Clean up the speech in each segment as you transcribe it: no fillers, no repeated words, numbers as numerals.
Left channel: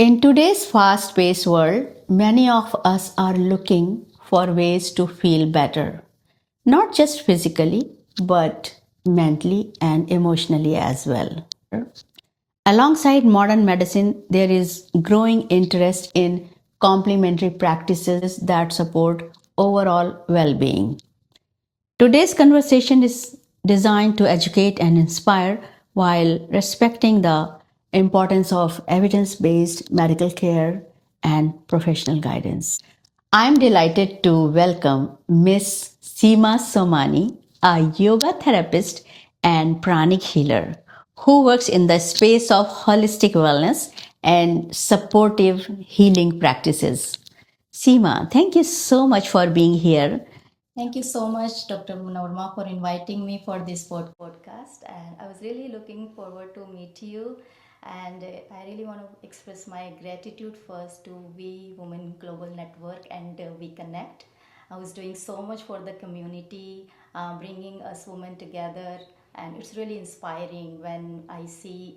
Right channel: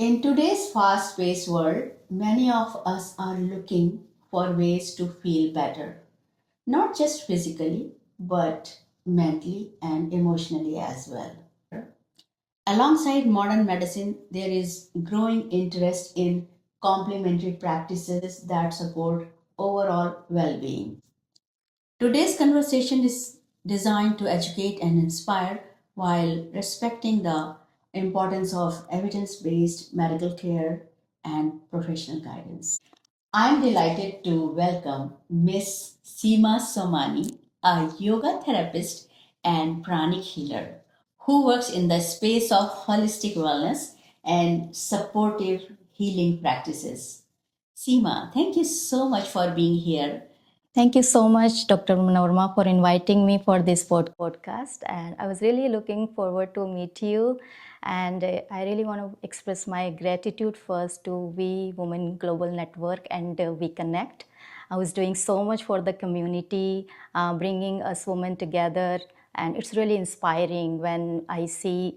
In today's fast paced world, many of us are looking for ways to feel better, not just physically, but mentally and emotionally as well. Alongside modern medicine, there is growing interest in complementary practices that support overall well being. Today's conversation is designed to educate and inspire while respecting the importance of evidence based medical care and professional guidance. I'm delighted to welcome Miss Seema Somani, a yoga therapist and pranic healer who works in the space of holistic wellness and supportive healing practices. Seema, thank you so much for being here. Thank you so much, Dr. Norma, for inviting me for this podcast. And I was really looking forward to meet you. And I really want to express my gratitude first to We Women Global Network and We Connect. I was doing so much for the community, bringing us women together. And it's really inspiring when I see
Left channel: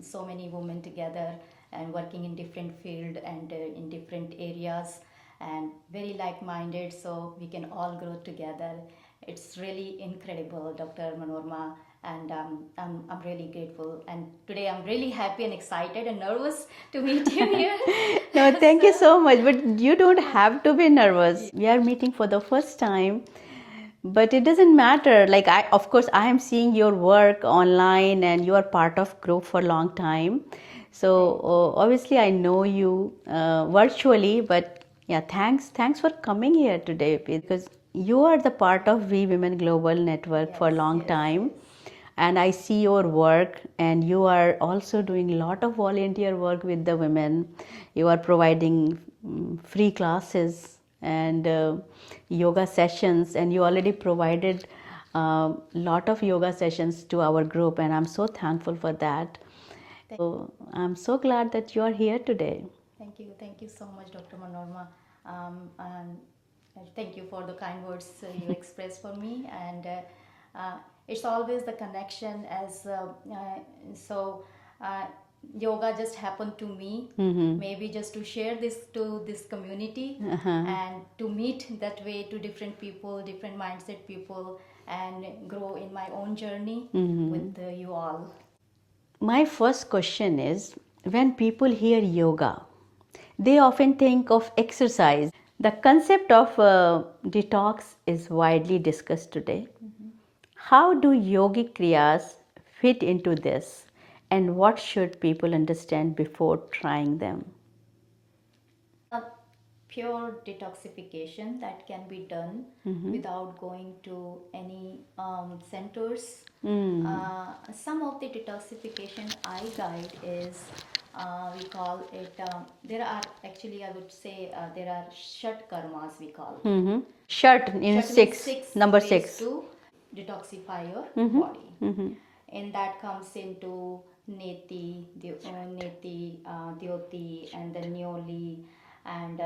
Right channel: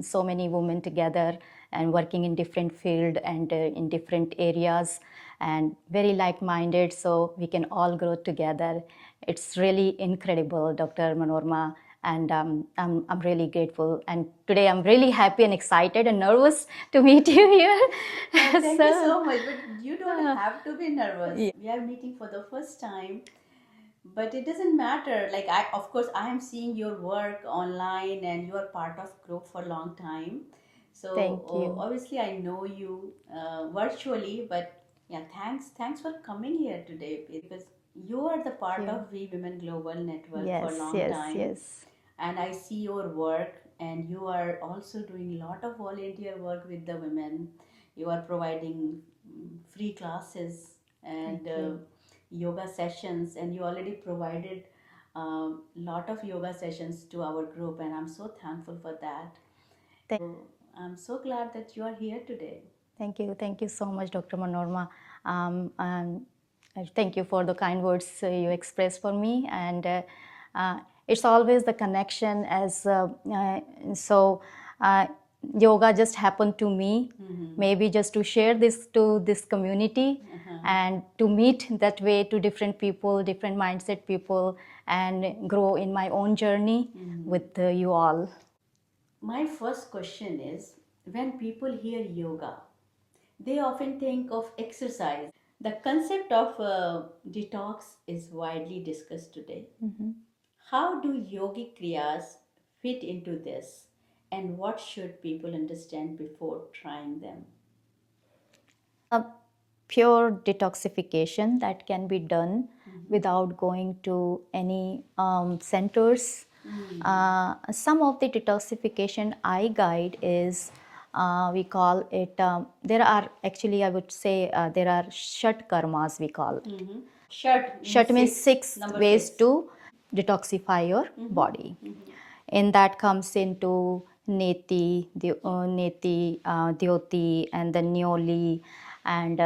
so many women together and working in different fields and in different areas and very like-minded, so we can all grow together. It's really incredible, Dr. Manorma, and I'm really grateful. And today I'm really happy and excited and nervous to meet you here. No, thank you so much. But you don't have to be nervous. Yeah. We are meeting for the first time, but it doesn't matter. Like of course, I am seeing your work online, and you are part of group for a long time. So obviously, I know you virtually, but yeah, thanks for coming here today because you are the part of We Women Global Network for a long time. Yes. And I see your work, and you are also doing a lot of volunteer work with the women. You are providing free classes and yoga sessions, and you already provided a lot of yoga sessions to our group, and I'm so thankful for that. So I'm so glad that you are here today. Thank you so much, Dr. Manorma. And thank you for the kind words you expressed for me. And it's always the connection as yoga just happened to me, maybe just to share this to this community and to meet that way to different people, different mindset people, and grow in my own journey with you all. My first question is, when people hear yoga, they often think of exercise. The concept of detox is widely discussed today. How do yogic kriyas fit into this, and what should people understand before trying them? Pure detoxification that can be done without going to any centers. Some of the detoxification I guide is we call it, there are actually, I would say, there are shat karmas we call. Shat Means six number ways six. to detoxify your body. And that comes into neti, dyoti, and the nyoli, and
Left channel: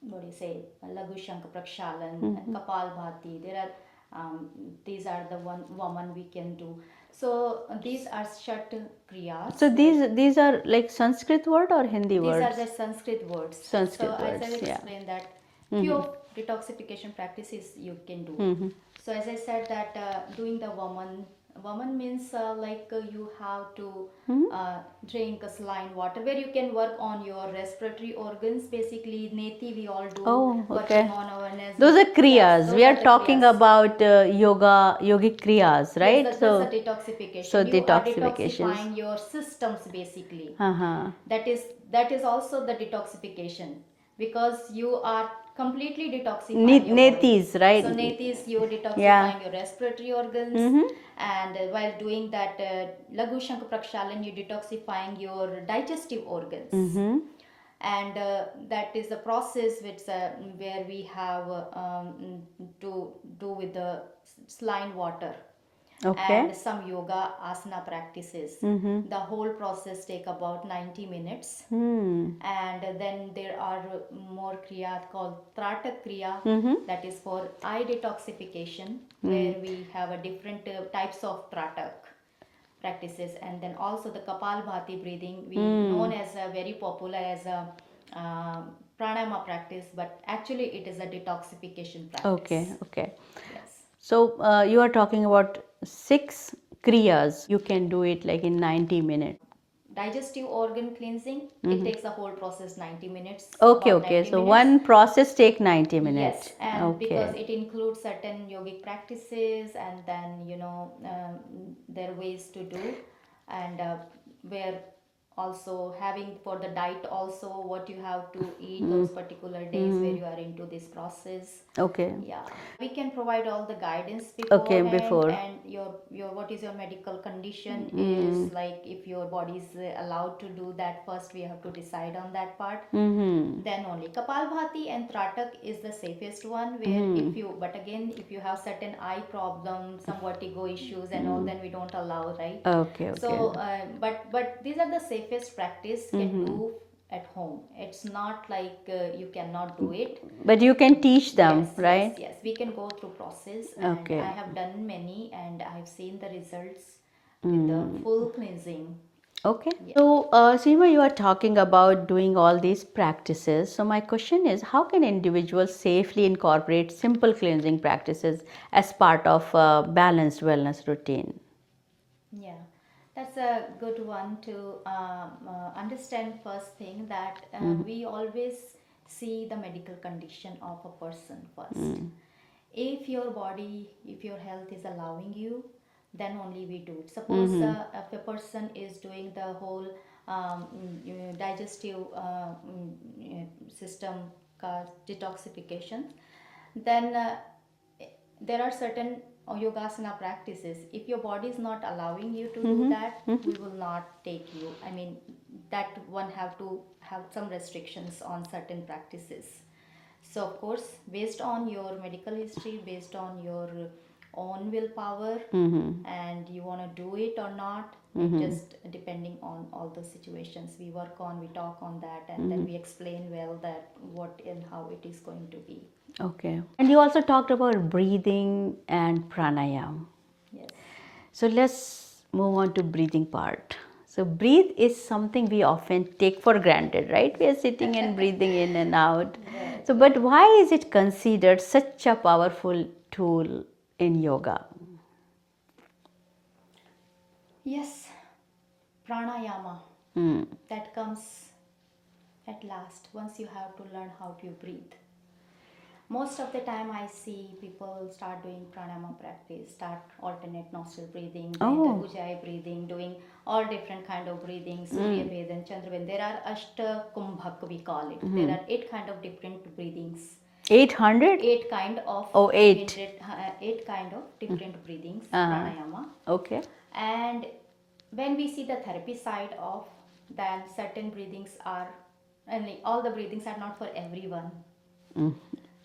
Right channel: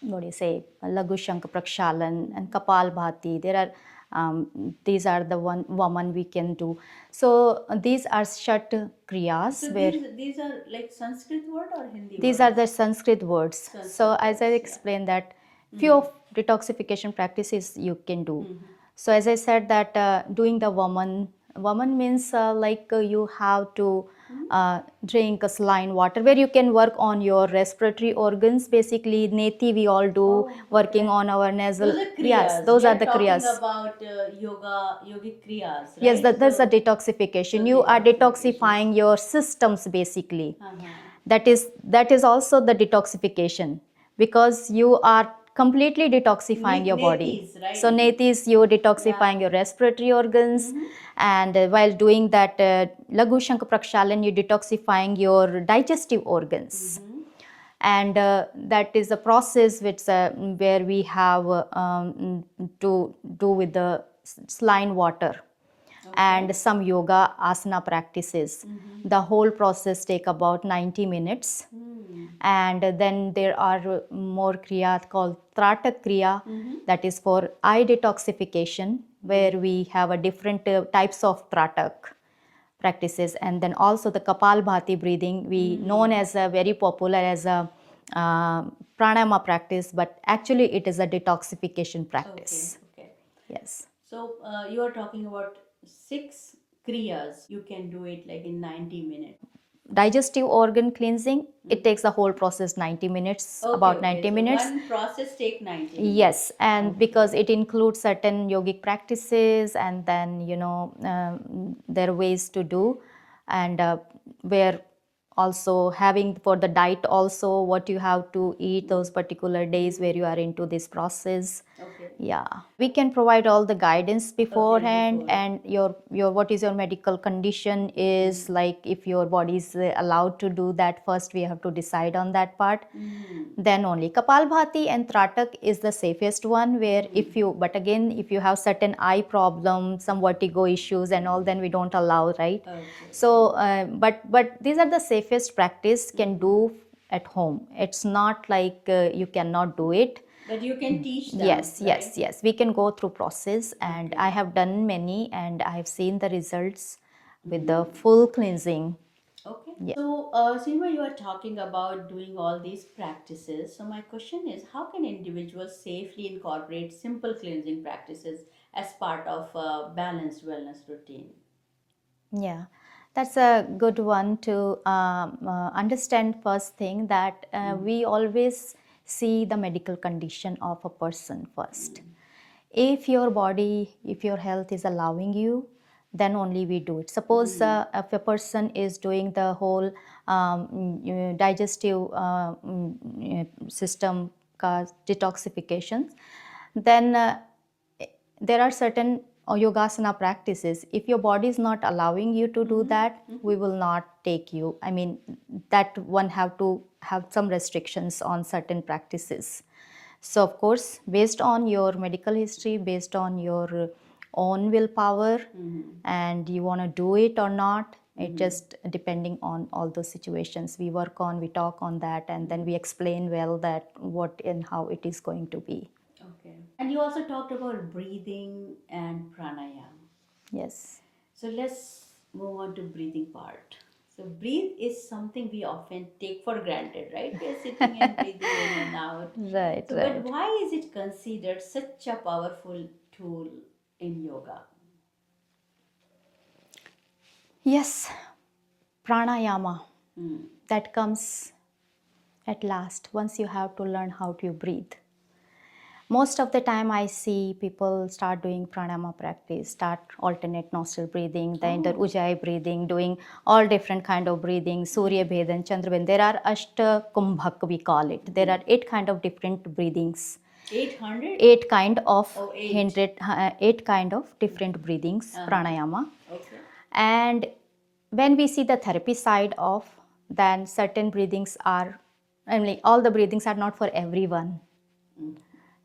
what do you say, Lagu Shank Prakshalan and Kapal Bhati. There are these are the one woman we can do. So these are shat kriyas. So these are like Sanskrit word or Hindi words? These are the Sanskrit words. So as I explained that few of detoxification practices you can do. So as I said that doing the woman means you have to drink a saline water where you can work on your respiratory organs. Basically, neti we all do, working on our nasal. Those are kriyas. Yes, those we are are the talking kriyas. About yogic kriyas, right? Yes, that's the detoxification. So You are detoxifying your systems basically. That is also the detoxification because you are completely detoxifying your body. Netis, right? So netis, you're detoxifying your respiratory organs, and while doing that Lagu Shank Prakshalan, you're detoxifying your digestive organs. And that is a process which where we have to do with the saline water. And some yoga asana practices. The whole process take about 90 minutes. And then there are more kriya called tratak kriya, that is for eye detoxification, where we have a different types of tratak. practices. And then also the Kapalbhati breathing, we known as a very popular as a pranayama practice, but actually it is a detoxification practice. Okay. Yes. So you are talking about 6 kriyas. You can do it like in 90 minutes. Digestive organ cleansing, it takes the whole process 90 minutes, Okay, about okay. 90 So minutes. one process take 90 minutes. Yes, and because Okay. it includes certain yogic practices, and then there are ways to do, and where also having for the diet also what you have to eat those particular days where you are into this process. Okay. Yeah, we can provide all the guidance beforehand, before. and your what is your medical condition is, like if your body is allowed to do that, first we have to decide on that part. Then only Kapalbhati and Tratak is the safest one, where if you, but again if you have certain eye problems, some vertigo issues and all, then we don't allow, right? Okay. So but these are the safest practice can do at home. It's not like you cannot do it. But you can teach them, Yes, right? yes, we can go through process, and Okay. I have done many, and I have seen the results with the full cleansing. Okay. Yeah. So, Seema, you are talking about doing all these practices. So, my question is, how can individuals safely incorporate simple cleansing practices as part of a balanced wellness routine? Yeah, that's a good one to understand. First thing that we always see the medical condition of a person first. If your body, if your health is allowing you, then only we do it. Suppose if a person is doing the whole digestive system detoxification, then there are certain yogasana practices. If your body is not allowing you to do that, we will not take you. I mean, that one have to have some restrictions on certain practices. So of course, based on your medical history, based on your own willpower, and you want to do it or not, it just depending on all those situations we work on, we talk on that, and then we explain well that what and how it is going to be. Okay. And you also talked about breathing and pranayama. Yes. So, let's move on to breathing part. So, breathe is something we often take for granted, right? We are sitting and breathing in and out. Right, So, right. but why is it considered such a powerful tool in yoga? Yes, pranayama, that comes at last once you have to learn how to breathe. Most of the time I see people start doing pranayama practice, start alternate nostril breathing, the inter ujjayi breathing, doing all different kind of breathing, Surya Bhedan, Chandra Bhedan. There are Ashta Kumbhak, we call it. There are 8 kind of different breathings. 800? 8 kind of Oh, 8. 8 kind of different breathings, pranayama. Okay. And when we see the therapy side of, then certain breathings are, I mean, all the breathings are not for everyone.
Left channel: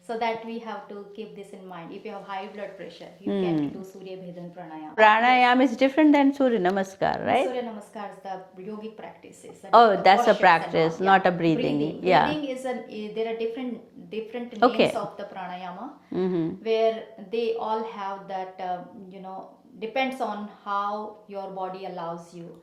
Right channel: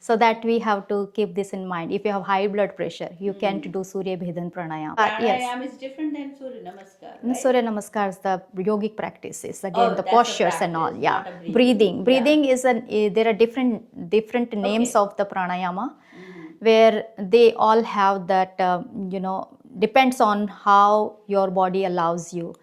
So that we have to keep this in mind. If you have high blood pressure, you can't do Surya Bhedan Pranayama. Pranayama is different than Surya Namaskar, right? Surya Namaskar is the yogic practices. Again, the that's a postures and all. practice, not a breathing. Breathing. Yeah. Breathing is there are different names Okay. of the pranayama, where they all have that depends on how your body allows you.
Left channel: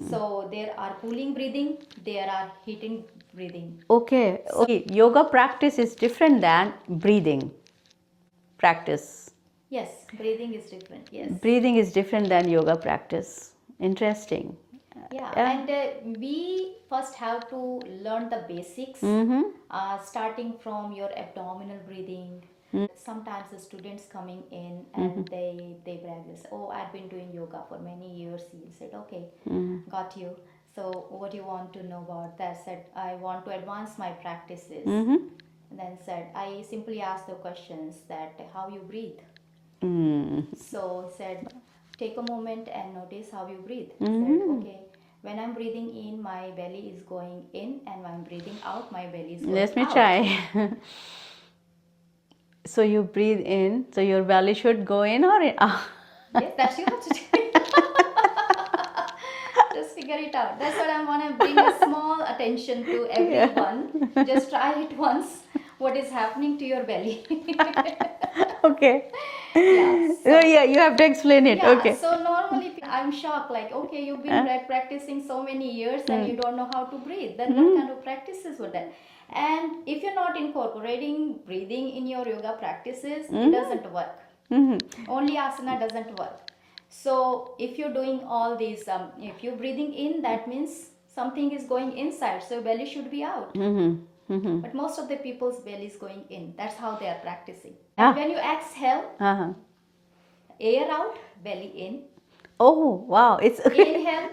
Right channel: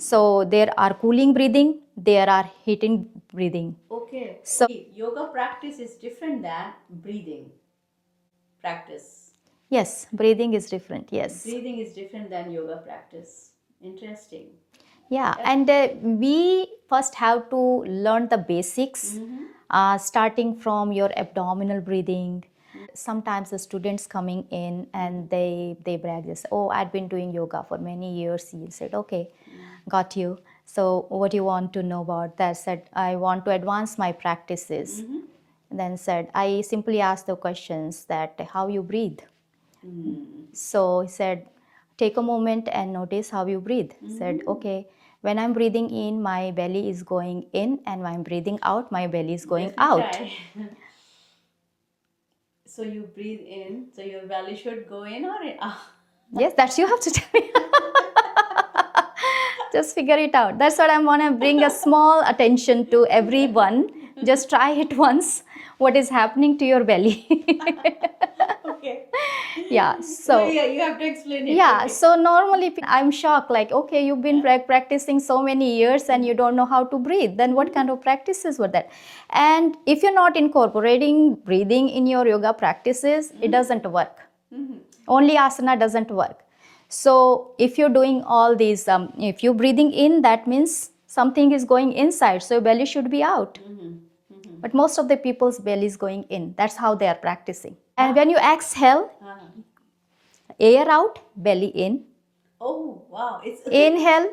So there are cooling breathing, there are heating breathing. Okay. So yoga practice is different than breathing practice. yes, breathing is different. Yes. Breathing is different than yoga practice. Interesting. Yeah, and we first have to learn the basics, starting from your abdominal breathing. Sometimes the students coming in and they brag this, oh, I've been doing yoga for many years. You said, okay, got you. So what do you want to know about that? Said, I want to advance my practices. Then said, I simply asked the questions that how you breathe. So he said, take a moment and notice how you breathe. Said, okay, when I'm breathing in, my belly is going in, and when I'm breathing out, my belly is going out. Let me try. So you breathe in, so your belly should go in or in? Yes, that's you have to tell me. Just figure it out. That's what I want to bring a small attention to everyone. Just try it once. what is happening to your belly. Okay. Yeah, So yeah, you have to explain it. yeah, Okay. so normally I'm shocked, like, okay, you've been practicing so many years and you don't know how to breathe. Then what kind of practices were that? And if you're not incorporating breathing in your yoga practices, it doesn't work. Only asana doesn't work. So if you're doing all these, if you're breathing in, that means something is going inside. So your belly should be out. But most of the people's belly is going in. That's how they are practicing. And when you exhale, air out, belly in. Oh wow, it's Inhale.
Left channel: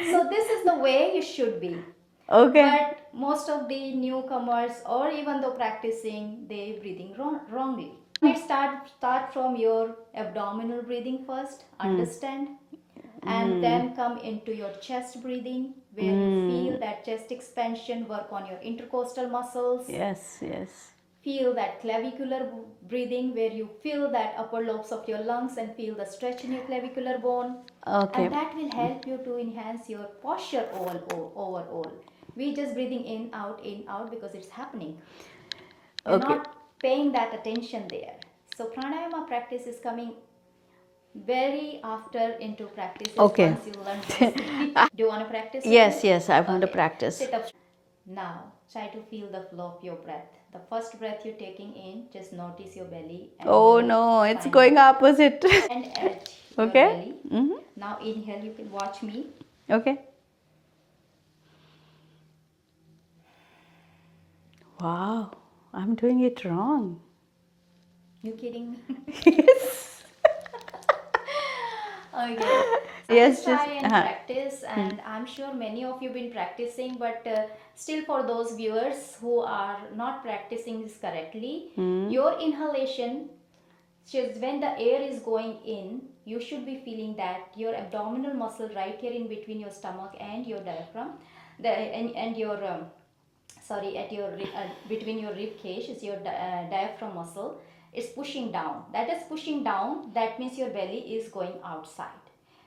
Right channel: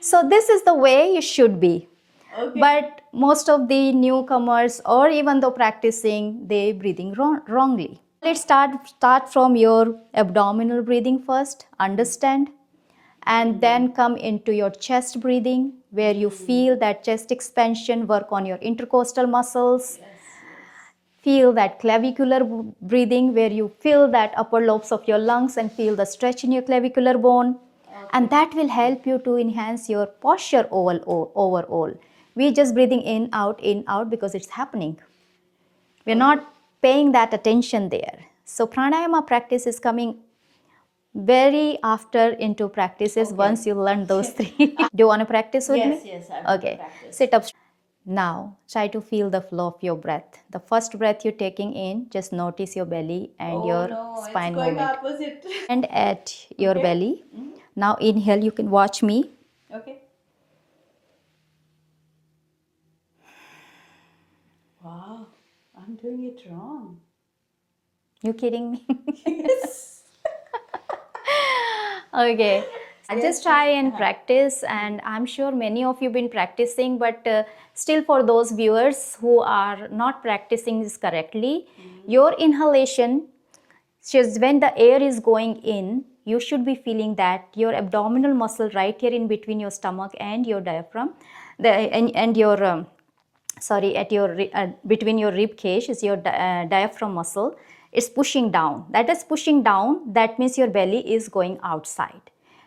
So this is the way it should be. okay. But most of the newcomers, or even though practicing, they breathing wrongly. Let's start from your abdominal breathing first. Understand, and then come into your chest breathing, where you feel that chest expansion, work on your intercostal muscles. Yes, yes. Feel that clavicular breathing, where you feel that upper lobes of your lungs and feel the stretch in your clavicular bone. Okay. And that will help you to enhance your posture overall. We just breathing in, out because it's happening. We're not paying that attention there. So pranayama practice is coming very after into practices once you learn those things. Do you want to practice with me? Yes, I want to practice. Sit up. Now, try to feel the flow of your breath. The first breath you're taking in, just notice your belly and your spine it's going movement. opposite. And at your belly. Now inhale, you can watch me. Okay. Wow, I'm doing it wrong. You kidding me? Yes. Okay. Just try and practice, and I'm sure many of you been practicing, but still for those viewers who are not practicing this correctly, your inhalation, just when the air is going in, you should be feeling that your abdominal muscle right here in between your stomach and your diaphragm, and your at your between your rib cage is your diaphragm muscle is pushing down. That is pushing down. That means your belly is going outside.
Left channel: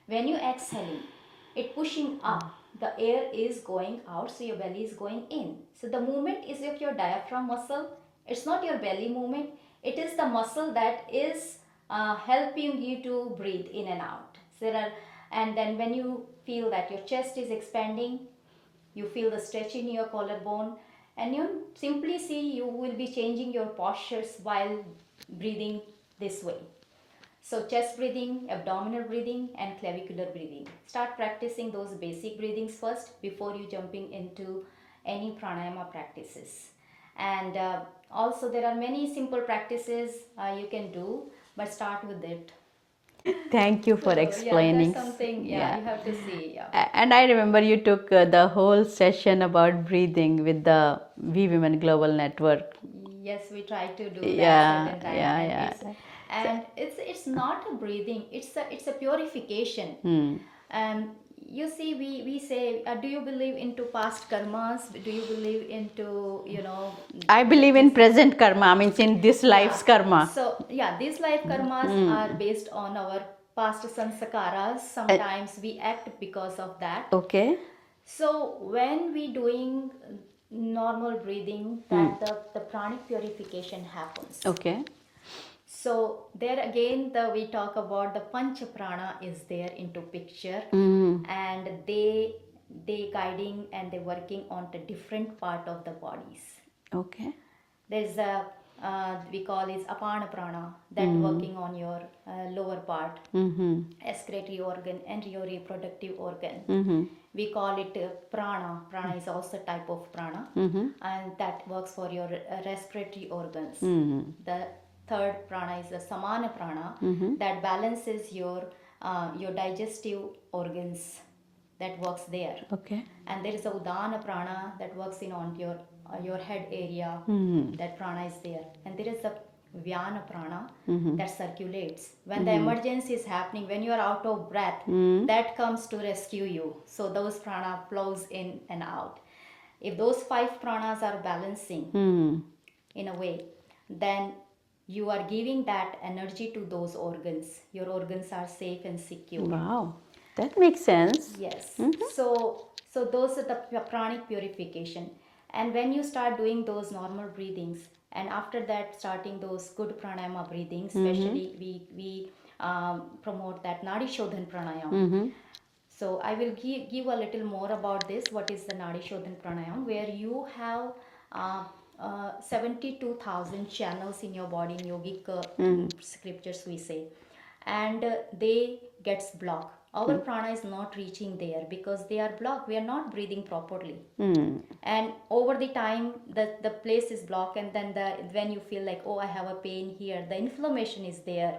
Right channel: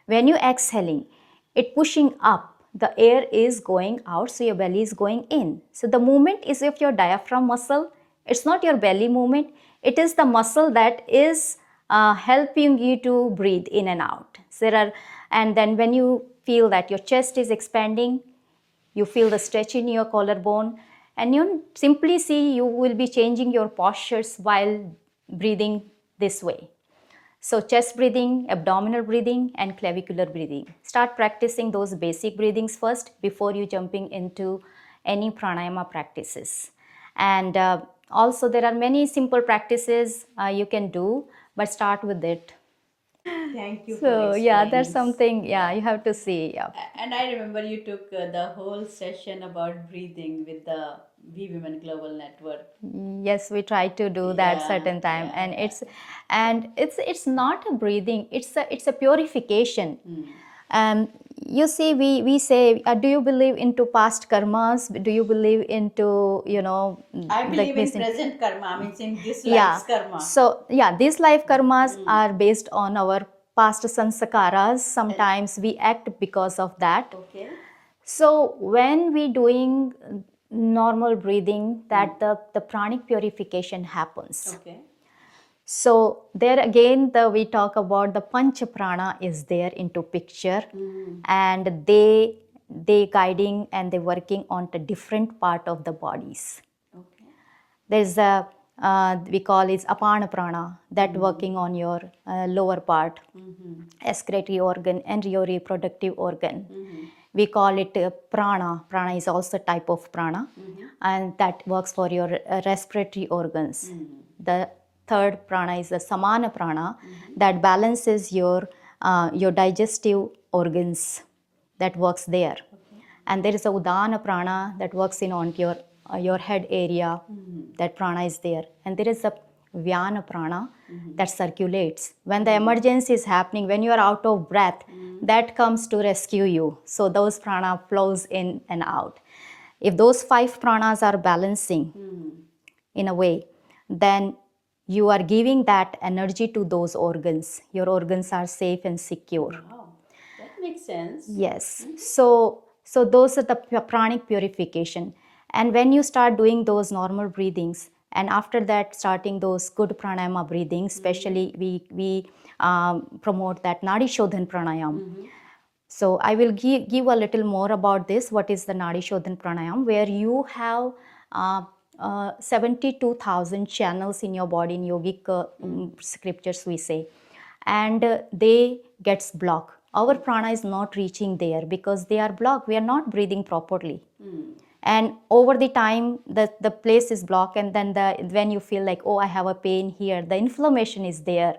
When you exhaling, it pushing up. The air is going out, so your belly is going in. So the movement is of your diaphragm muscle. It's not your belly movement. It is the muscle that is helping you to breathe in and out. And then when you feel that your chest is expanding, you feel the stretch in your collarbone, and you simply see you will be changing your postures while breathing this way. So chest breathing, abdominal breathing, and clavicular breathing. Start practicing those basic breathings first before you jumping into any pranayama practices. And also there are many simple practices you can do, but start with it. Thank you for So explaining. yeah, that's something, you have to see. Yeah. And I remember you took the whole session about breathing with the We Women Global Network. Yes, we try to do that certain time, and it's not a breathing, it's a purification. You see, we say, do you believe into past karmas? Do you believe into I believe in present karma. I mean, in this life's karma. So yeah, these life karmas are based on our past sanskaras. Sometimes we act because of that. Okay. So when we doing normal breathing, that the pranic purification happens. Okay. So there again, we talk about the pancha prana is there into picture, and they guiding and they working on the different part of the bodies. Okay. There's a we call it apana prana, that working on your lower part, excretory organ and your reproductive organ. We call it prana. Prana is also a type of prana, and that works for your respiratory organs. The third prana is the samana prana, that balances your digestive organs, that works there. Okay. And there is a udana prana that works in on your head area, that prana is there. And there is a vyana prana that circulates. When the emergency is happening, when you are out of breath, that comes to rescue you. So those prana flows in and out. If those 5 pranas are balancing in a way, then you are giving that energy to those organs. Your organs are safe and secure. Wow, that makes sense. Yes. So those are the pranic purification. And when you start doing those normal breathings, and after that starting those good pranayama breathing, especially we promote that nadi shodhan pranayam. So I will give a little more about this. What is the nadi shodhan pranayam? Where you have 72,000 channels in your body in yogic scriptures we say, and they gets blocked. Our prana is not reaching there because they are blocked. We are not breathing properly. And over the time the place is blocked, and then when you feel like, oh, I have a pain here, the inflammation is there.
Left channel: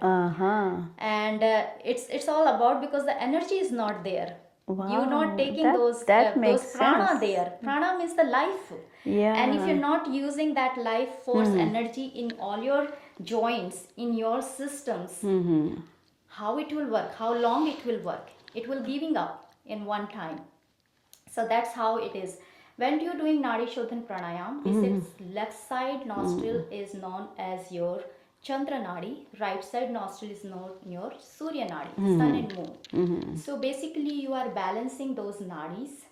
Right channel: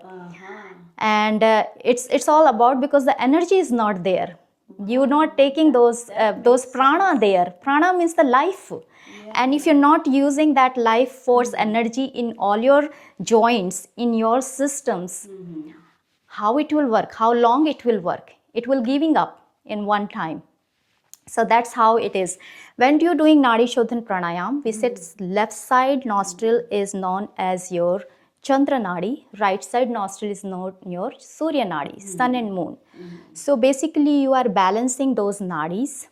And it's all about because the energy is not there. You're not taking those prana sense. there. Prana means the life. And if you're not using that life force energy in all your joints, in your systems, how it will work, how long it will work, it will giving up in one time. So that's how it is. When you're doing nadi shodhan pranayam, we said left side nostril is known as your chandra nadi, right side nostril is known your surya nadi, sun and moon. So basically you are balancing those nadis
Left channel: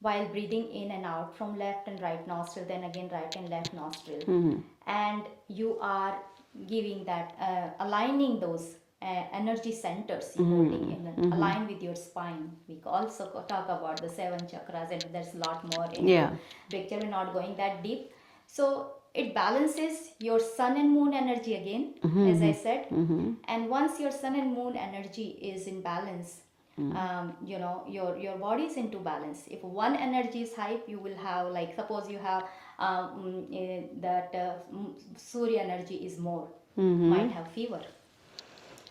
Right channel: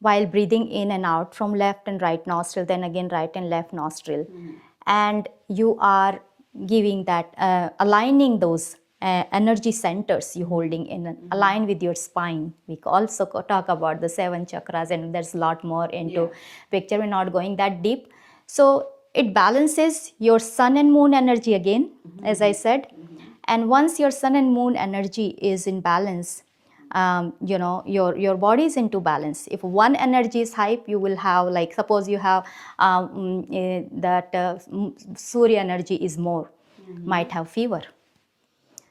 while breathing in and out from left and right nostril, then again right and left nostril. And you are giving that, aligning those energy centers you holding in, align with your spine. We also talk about the 7 chakras, and there's a lot more into picture. We're not going that deep. So it balances your sun and moon energy again, as I said. And once your sun and moon energy is in balance, your body is into balance. If one energy is high, you will have, like, suppose you have surya energy is more, might have fever.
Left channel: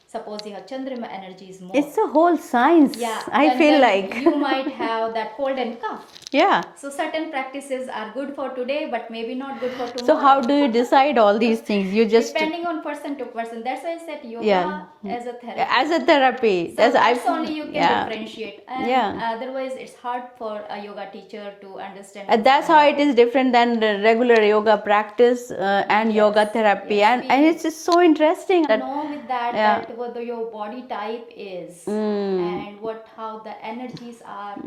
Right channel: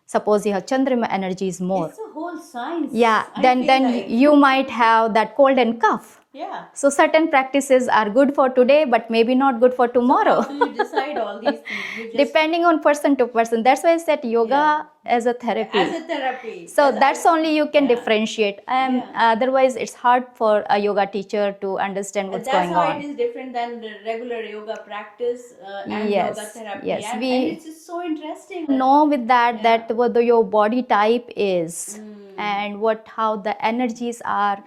Suppose you have Chandrama energy is more. It's a whole science. Yeah, then you might have that cold and cough. Yeah. So certain practices are good for today, but maybe not good for tomorrow. So how do you decide all these things? You just depending on person to person. That's why I said yoga as a therapy. As a therapy. So that's only you can differentiate. And otherwise, it's hard for a yoga teacher to understand what's that's going how on. it is different than the regular yoga practice and yoga therapy. And it's just so interesting. Know with that whether your body type is and how the energies are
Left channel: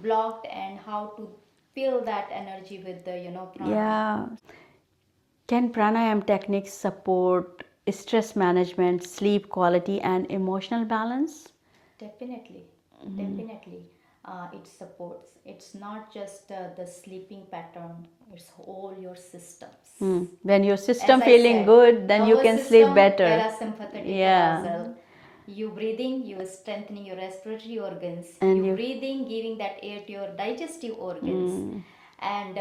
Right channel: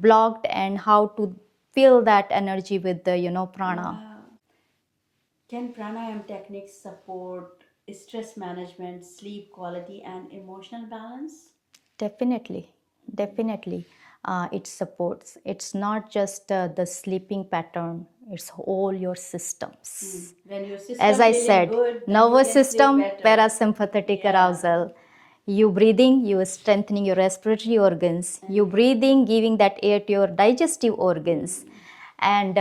blocked, and how to fill that energy with the prana. Can pranayam techniques support stress management, sleep quality, and emotional balance? Definitely. It supports. It's not just the sleeping pattern, it's all your systems. When your system As I feeling said, good, then you nervous can system, sleep better. parasympathetic arousal. You breathing, you are strengthening your respiratory organs. You breathing, giving that air to your digestive organs. And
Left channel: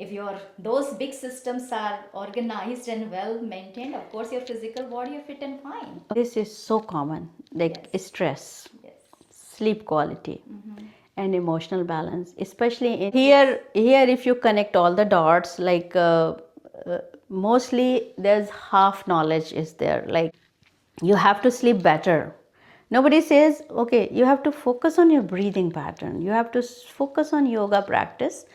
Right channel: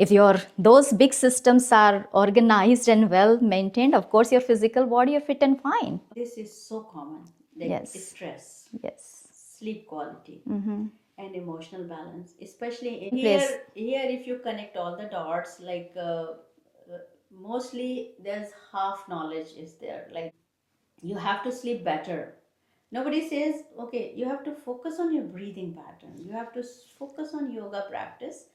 if those big systems are organized and well maintained, of course your physical body is fit and fine. This is so common, like stress, sleep quality, and emotional balance. Especially here, if you connect all the dots, like mostly there's half knowledge is there. Like you have to sleep better. Nobody says, okay, you have to focus on your breathing pattern. You have to focus on yoga practice,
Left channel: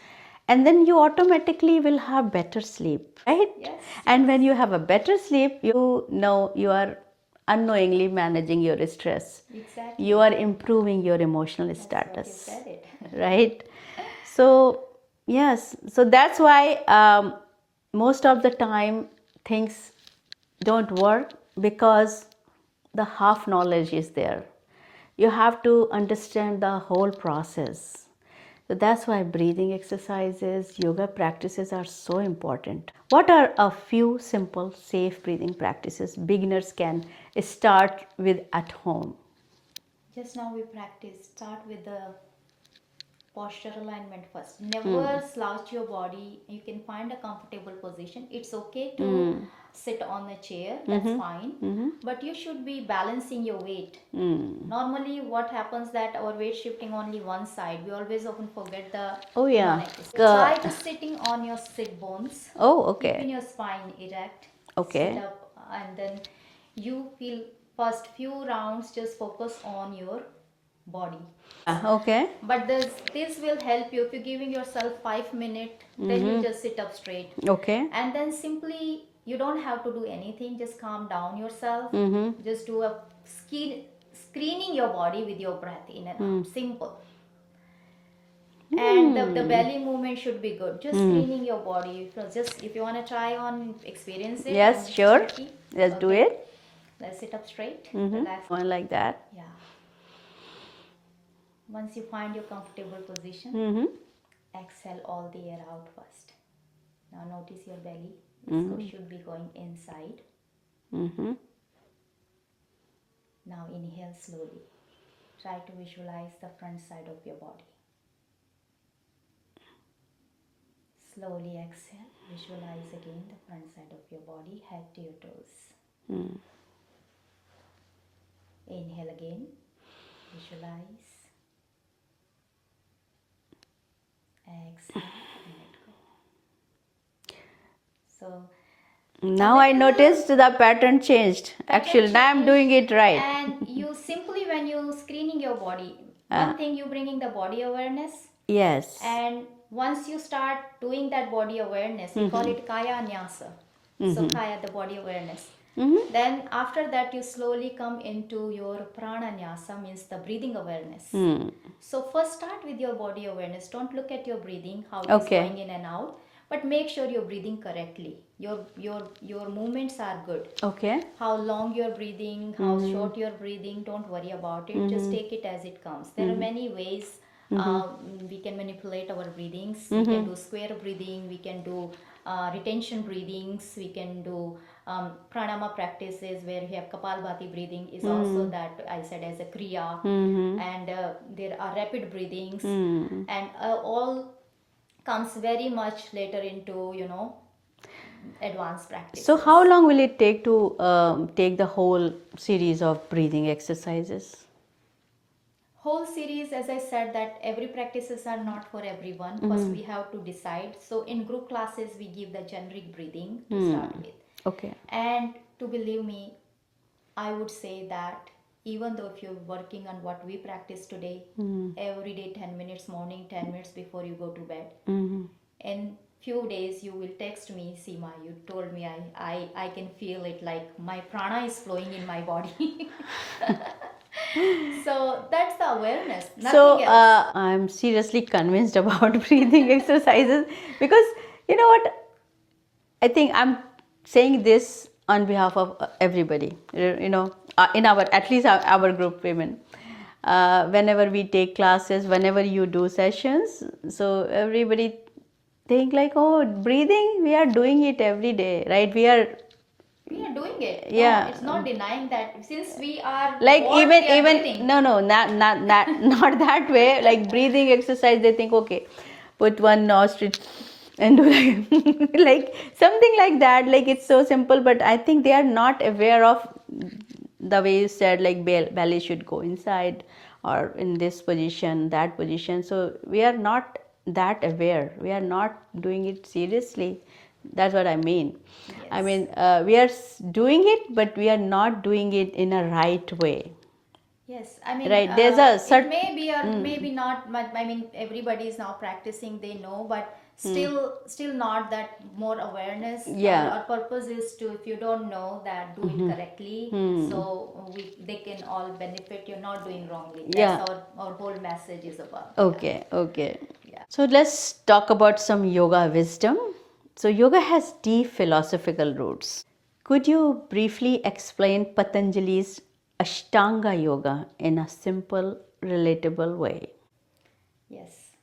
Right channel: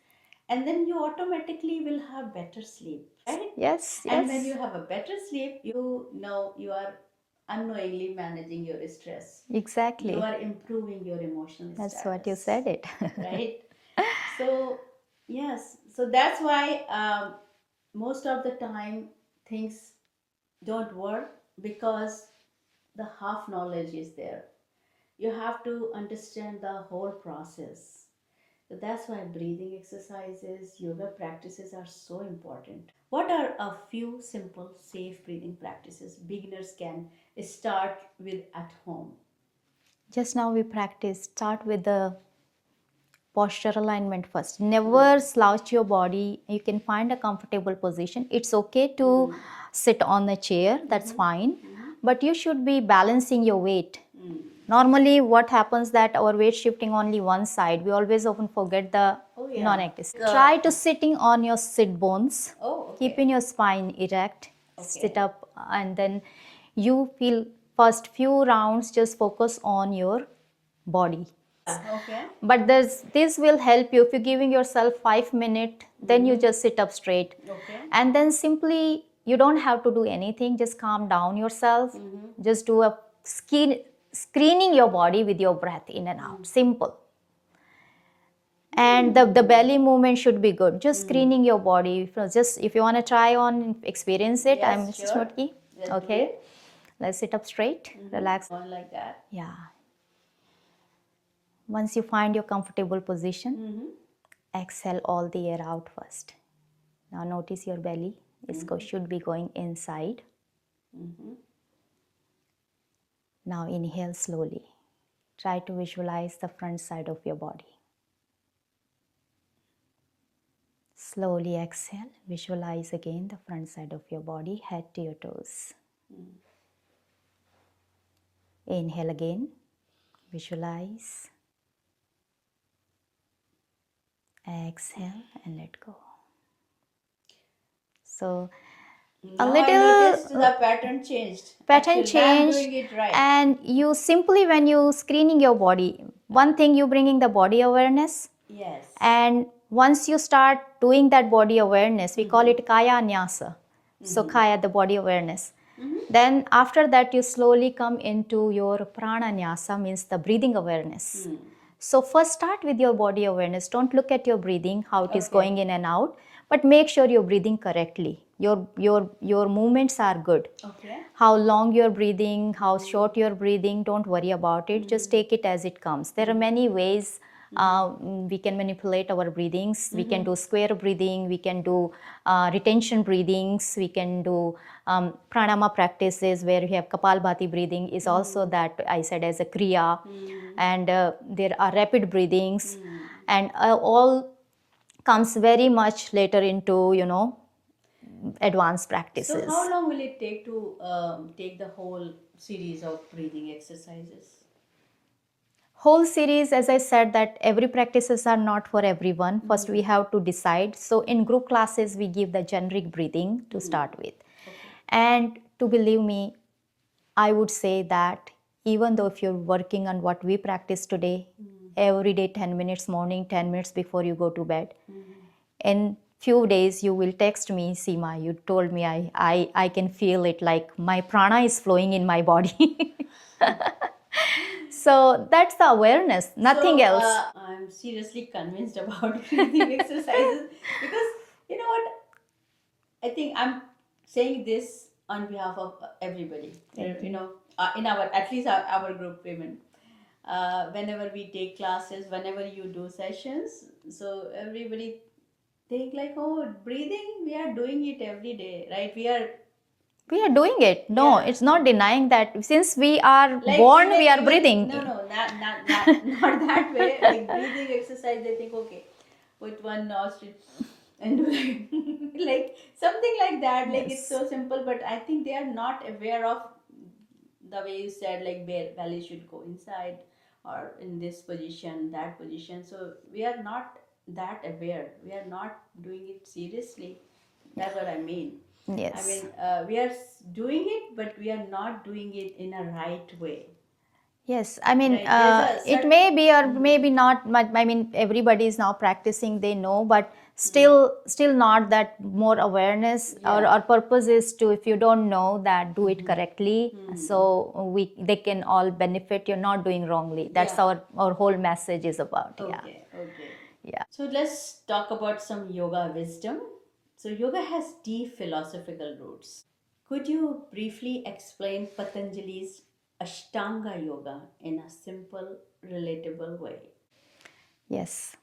and then you automatically will have better sleep, right? Yes. And when you have a better sleep, you know you are unknowingly managing your stress. Exactly. You are improving your emotional status. That's what you said it. Right? So, yes. So that's why most of the time things don't work, because the half knowledge is there. You have to understand the whole process. So that's why breathing exercises, yoga practices are so important. What are a few simple, safe breathing practices beginners can start with at home? Just now we start with the posture alignment first. Never slouch your body. You can find a comfortable position. It's okay to sit on a chair, that's fine. But you should be balancing your weight. Normally what happens that our weight shifting only one side. We always often forget the non-neck. Try to sitting on your sit bones. Keeping your spine erect. Sit up, and then you feel first few rounds just focus on your body. But this will help you if you're giving yourself 5 minutes, then you just sit up straight. And then simply you don't have to do anything, just calm down yourself. Just do a screening your body with your breath in and out. Simple. And the belly movement should be good. Just screening your body. Just if you want to try on, experience it. Yes, I'm sure. Shruti. Let's do it. Let's sit up straight. Relax. One like that. Yeah. Once you find your comfortable position, exhale all the air out first. Now notice your belly. Should be going inside. Now inhale slowly. Try to visualize the front side of your body. Slowly exhale. Visualize again the front side of your body, head to your toes. Inhale again. Visualize. Exhale and let go. So now I noticed the pattern changed. Actually, now I'm doing it right. And you simply, when you screening your body, one thing you bringing the body awareness. Yes. And once you start doing that body awareness, we call it Kaya Nyasa. So Kaya, the body awareness. Then after that, you slowly come into your Prananyasa, means the breathing awareness. So first start with your body awareness. Don't look at your breathing, how it is going in and out, but make sure you're breathing correctly. Your movements are good. Okay. How long you're breathing, how short you're breathing, don't worry about it. Just take it as it comes. There are many ways we can manipulate our breathings. We can do square breathing, we can do retention breathings, we can do pranayama practices where we have kapalbhati breathing is also that I said as a kriya. And there are rapid breathings and all comes very much later into, advanced practices. So how long will it take to take the whole series of breathing exercises? Whole series, as I said, that every practices are not for everyone. First we have to decide. So in group classes we give the generic breathing to start with. Okay. And to believe me, I would say that even though if you're working on what we practice today, every day 10 minutes morning, 10 minutes before you go to bed, in few days you will text me, Seema, you told me I can feel it, like my prana is flowing in my body. So that's the awareness, nothing else. I'm seriously convinced about breathing exercises because you know what? I think I'm saying this on behalf of everybody. In our, at least our group women. Whenever we take classes, whenever you do sessions, so everybody think like, oh, breathing, we are doing it every day, right? We are doing it. No, Yeah. it's not denying that. Since we are like born, even we are breathing. no, not not that way. Like breathing exercise, they think, okay, put one nostril and do like something like that. Like it's so simple, but I think they are not aware of the way you said, like belly should go inside or in this position, that position. So we are not that aware. We are not doing it seriously. That's what I mean. Yes. I mean, we are doing it, but we are not doing it in a right way. Yes, I mean, Right, there's a it may be or maybe not, but I mean, everybody is now practicing, they know, but still not that more awareness. Yeah. Our purpose is to, if you don't know that, do it correctly. So they can all benefit. You're not doing wrongly. That's Yeah. our whole message is about. Okay, okay. Yeah. So let's talk about some yoga wisdom. So yoga has deep philosophical roots. Could you briefly explain Patanjali's Ashtanga Yoga in a simple, relatable way? Yes.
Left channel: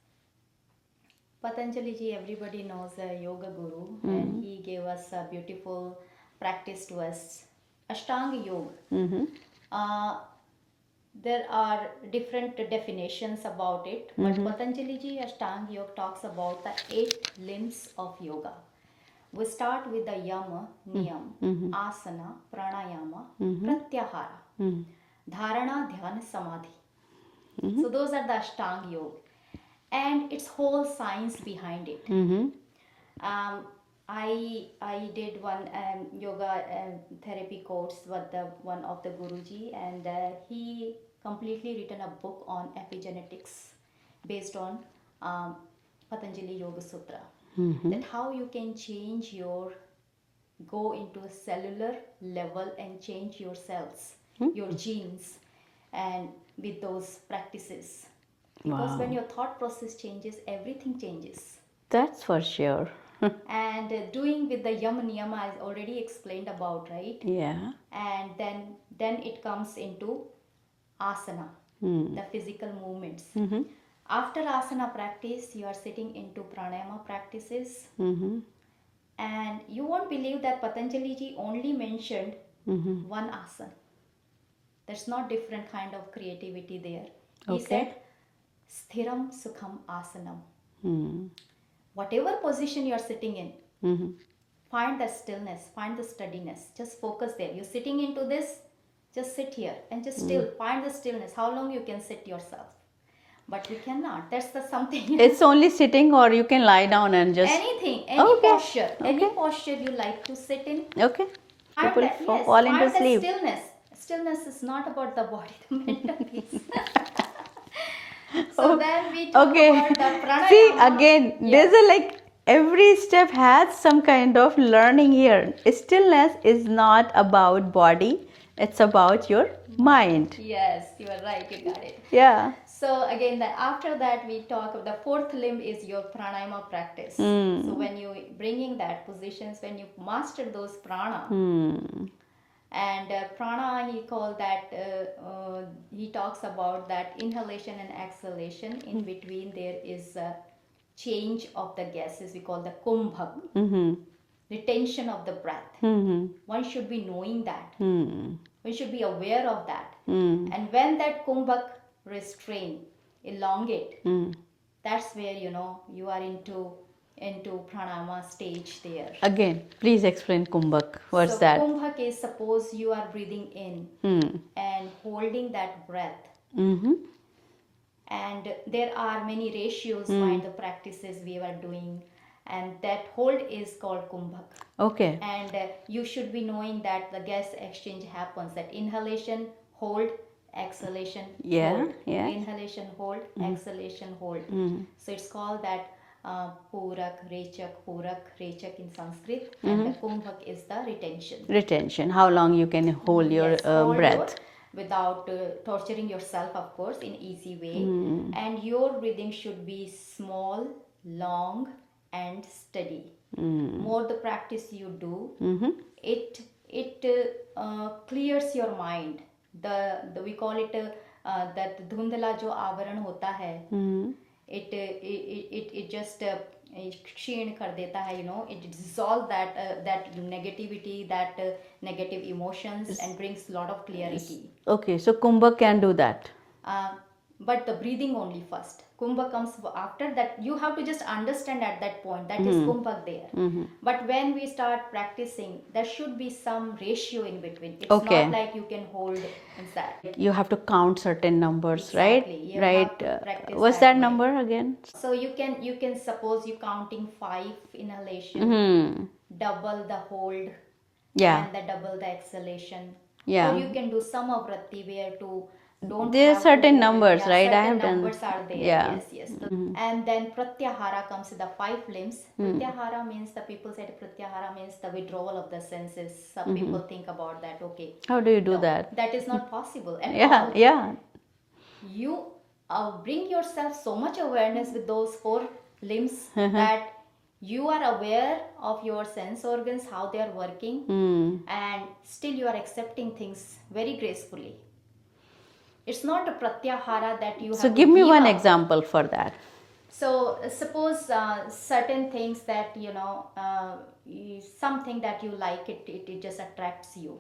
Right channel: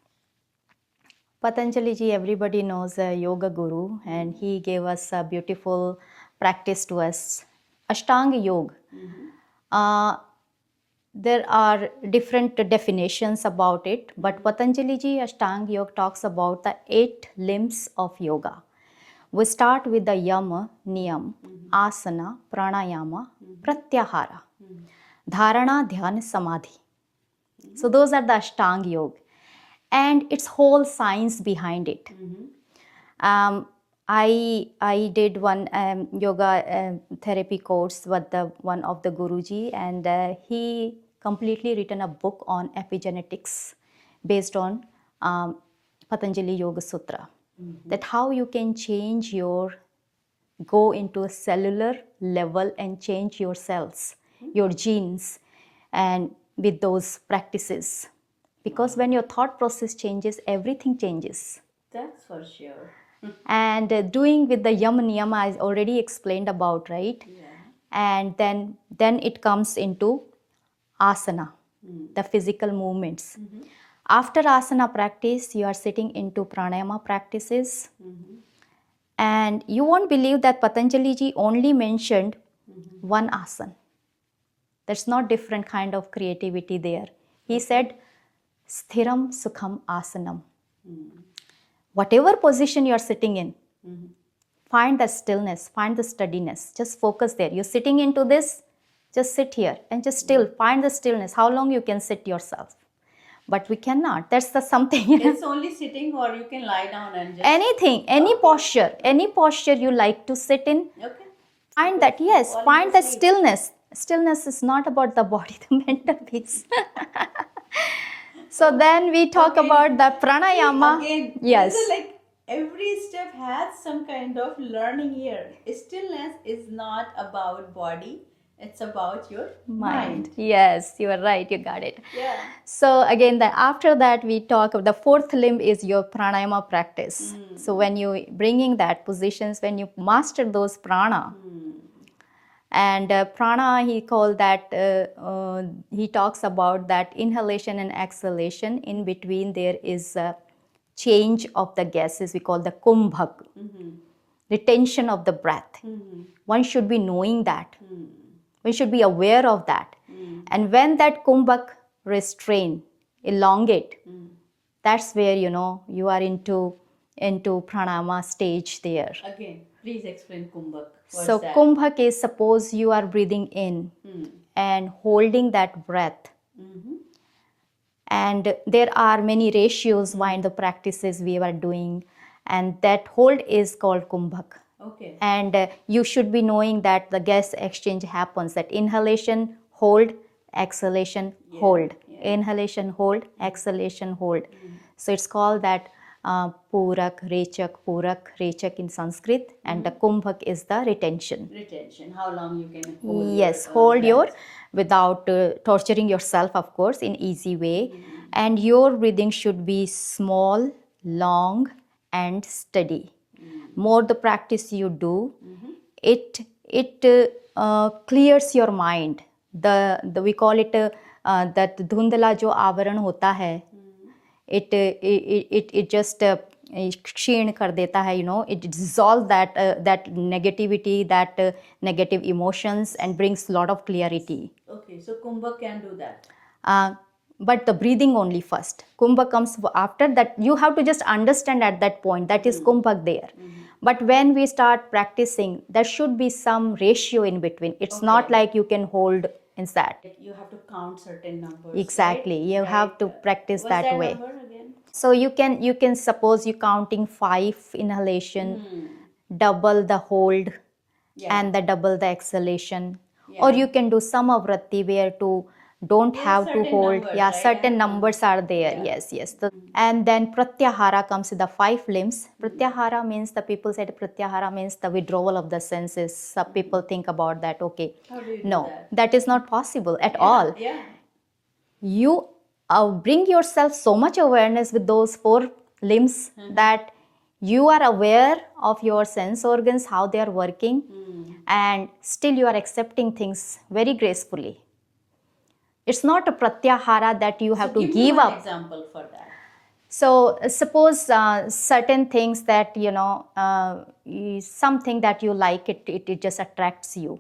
Patanjali ji, everybody knows a yoga guru, and he gave us a beautiful practice to us, Ashtanga Yoga. There are different definitions about it, but Patanjali ji Ashtanga Yoga talks about the 8 limbs of yoga. We start with the yama, niyam, asana, pranayama, pratyahara, dharana, dhyana, samadhi. So those are the Ashtanga Yoga, and its whole science behind it. I did one yoga therapy course with one of the Guruji, and he completely written a book on epigenetics based on Patanjali Yoga Sutra. That how you can change go into a cellular level and change your cells, your genes, and with those practices. because when your thought process changes, everything changes. That's for sure. And doing with the yama niyama I already explained about, right? Yeah. And then it comes into asana, the physical movements. After asana practice, you are sitting into pranayama practices. And you won't believe that Patanjali ji only mentioned one asana. There's not different kind of creativity there. He said, sthiram sukham asanam. Whatever position you're sitting in, find the stillness, find the steadiness. Just focus there. You're sitting into this, just sit here and just still find the stillness. How long you can sit yourself? But we cannot. That's the something. It's only sitting, or you can lie down and just... Anything, any posture, any posture you like to sit in. Okay. Find that, yes, find the stillness. Stillness is not about the body, the mental piece. So then we talk about the pranayama. See, again, yes. there's like every step has some kind of learning here. Stillness is not about body. It's about your mind. Yes, you are right. You got it. Yeah. So again, after that we talk of the fourth limb is your pranayama practice. So when you bringing that positions, when you master those prana, and prana, he called that, he talks about that inhalation and exhalation. In between there is a change of the gases. We call the kumbhak, retention of the breath. One should be knowing that. We should be aware of that. And when that kumbhak restrain, elongate, that's where, you are into pranayama stage there. Again, please explain kumbhak. What's so that? Kumbhak is, suppose you are breathing in and holding that breath. And there are many ratios behind the practices we are doing, and that hold is called kumbhak. Okay. And you should be knowing that the gas exchange happens, that inhalation, hold, exhalation, hold. Inhalation, hold, exhalation, hold. So it's called that purak, rechak in Sanskrit, and the kumbhak is the retention. Retention. How long you can hold yes, your hold breath. your, without torturing yourself, of course, in easy way. And your breathing should be small, long, and steady. More the practice you do, it clears your mind. The we call it that dhundla jo avaran hota hai. It just क्षीण कर देता है, it dissolves that negativity, that negative emotions, and brings lot of clarity. Okay, so kumbhak can do that. But the breathing only first. Kumbhak comes after that. You have to just understand at that point that is kumbhak there. But when we start practicing, there should be some ratio in between. It's not like you can hold inside. You have to count certain numbers. Exactly. Right? You have to practice What's that that way. number again? So you can suppose you counting 5 inhalation, double the hold, and the double the exhalation. Or you can do samavritti where to don't there have are certain to hold. numbers, right? Certain numbers are there. Yes. And then pratyahara comes with the 5 limbs. Pratyahara means, the people said pratyahara means the withdrawal of the senses. Some people think about that. Okay, how do you do no, that? That is not possible at all. You bring yourself so much awareness with those 4 limbs that you are aware of your sense organs, how they are working, and still you are accepting things very gracefully. It's not a pratyahara that you have to give give me one up. example for that. So suppose certain things that, something that you like, it just attracts you.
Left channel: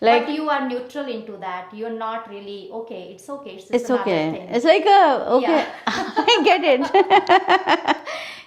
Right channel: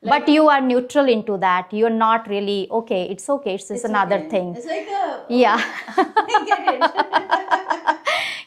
Like, but you are neutral into that. You're not really, it's just another thing. It's like I get it.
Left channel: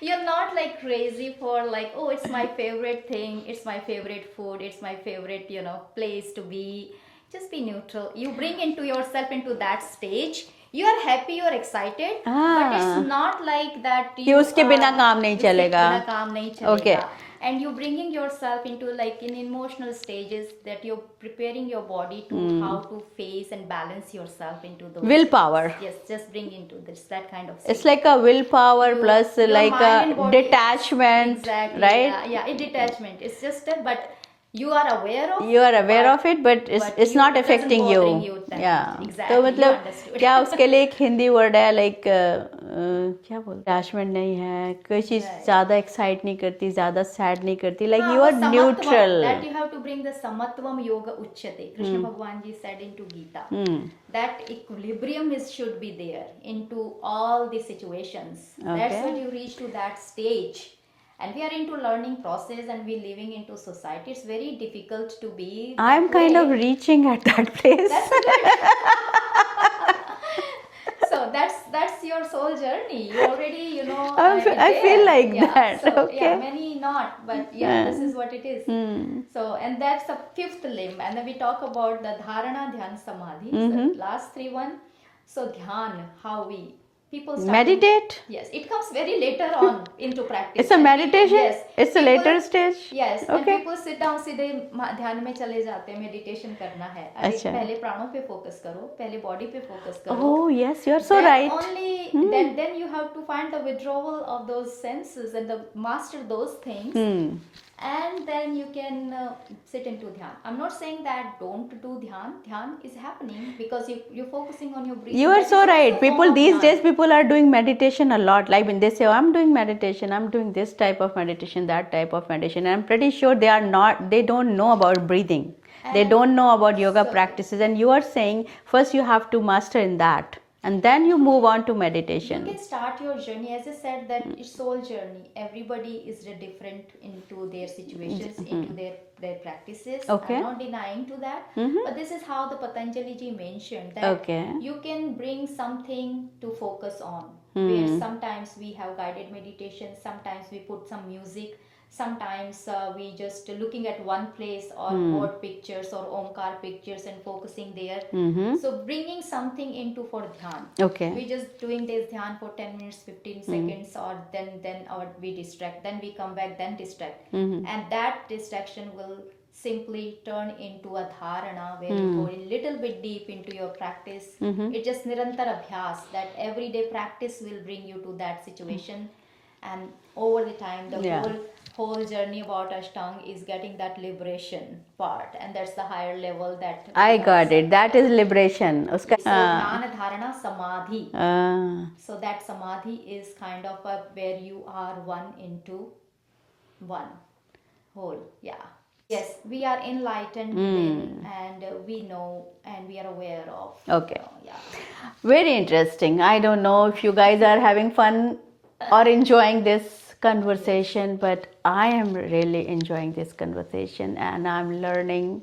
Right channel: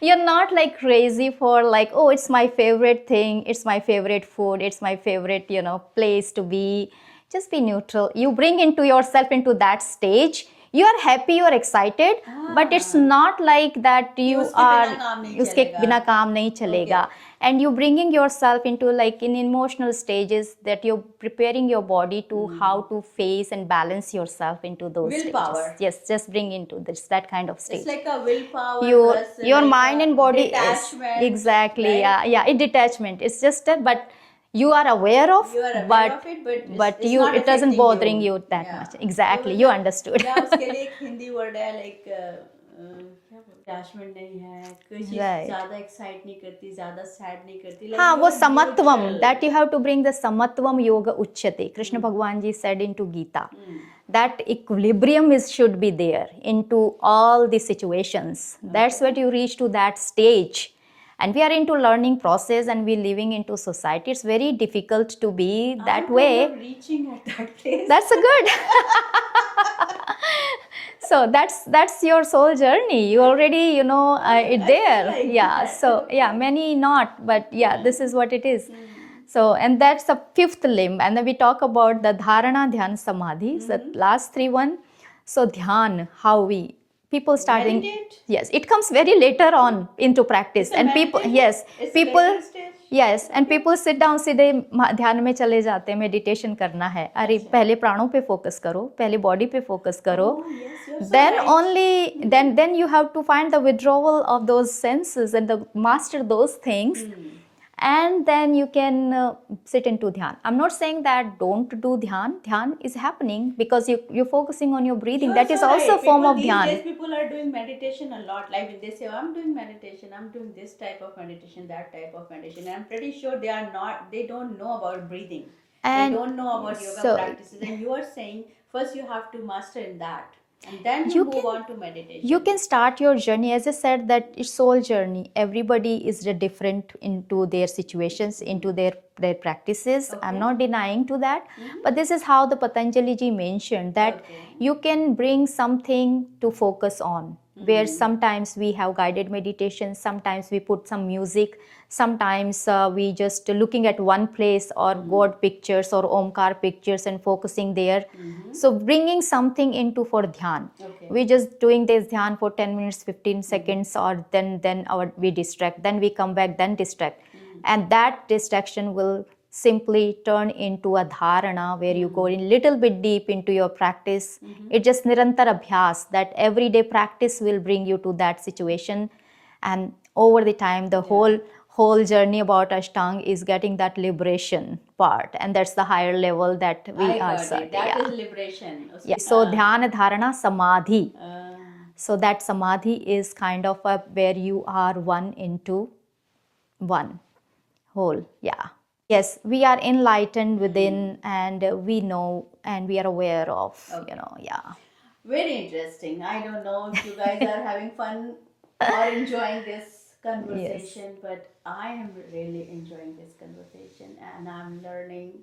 You're not like crazy for like, it's my favorite thing, it's my favorite food, it's my favorite, place to be. Just be neutral. You bring into yourself into that stage. You are happy, you are excited, but it's not like that you uske bina kaam nahi chalega. Bina kaam nahi chalega. And you bringing yourself into like in emotional stages that you're preparing your body to how to face and balance yourself into those willpower stages. Yes, just bring into this, that kind of state. It's like a willpower plus your like mind a and body detachment. Exactly. Right? Yeah, detachment. It's just that, but you are aware of. You are aware of it, but it's not it doesn't affecting bothering you that Yeah. much. Exactly, तो you मतलब understood. क्या उसके लिए एक Hindi word है like क्या बोलते attachment नहीं है, कोई चीज Right. ज्यादा एक्साइट नहीं करती, ज्यादा सैड नहीं करती, लाइक हाँ, यू वो आर समत्वम, neutral. that you have to bring the samatvam yoga uchyate. Krishna Bhagwan ji said into Gita that equilibrium should be there into all the situations. That's Okay. what you reach to that stage. And we are into learning process and we living into society. It's very difficult to be that I'm way. kind of reaching at that place. That's a good. So that's your soul journey. You already, I it feel there. like yeah. that. So Okay. yeah, many not, but yeah, this is what it is. So, and that's the fifth limb. And then we talk about the dharana, dhyan, samadhi. The last three one. So dhyan, how we people start Meditate? Yes, it comes very later on into practice. It's a and meditation? People, yes, It's a later stage? Yes, and Okay. people sit down सीधे ध्यान में चले जाते हैं, meditation करना है. अरे अच्छा. पहले प्राणों पे फोकस करो, पहले बॉडी पे फोकस करो. Oh yes, you're so Then right. only then you have to find the withdrawal of those senses and master those things. And then you can sit into dhyan. I'm not saying that don't do dhyan. Dhyan is happening because you're focusing on your breathing. You are That so is right. also a form People of these dhyan. days, people are doing meditation a lot. Like when they say, "Oh, I'm doing meditation. I'm doing this type of meditation, that type of meditation." And I'm pretty sure they are not. They don't know about breathing. They And don't know about yoga so- practices. And you are saying first you have to master in that, and then you move on to meditation. You can start your journey, as I said, that it's soul journey. Everybody is different into their situations, into their practices. Okay. I'm not denying to that, but this is how the Patanjali ji mentioned that Okay. you can bring something to focus on. Where sometimes we have guided meditation, sometimes we put some music. Sometimes we just looking at one place or word pictures or omkar pictures and focusing there. So bringing something into for dhyan. Okay. We just doing this dhyan for 10 minutes, 15 seconds, or then we distract, then we come back, then distract. And that distraction will simply turn into a dharana where you go in little bit deep into your practice. It's just nirantar abhyas, that everyday practice will bring you to that situation. And over the time, the whole journey about Ashtang is getting that liberation part, and that's the higher level that we I got also- it. That is liberation. Yeah. So dhyana, dharana, samadhi. Ah. So that samadhi is kind of where you are one into one whole. Yeah. Yes, we are enlightened within, and we know and we are aware of. Okay. Yeah. Very interesting. I don't know if you guys are having fun or enjoying this conversation, but I am really enjoying this conversation and I'm learning.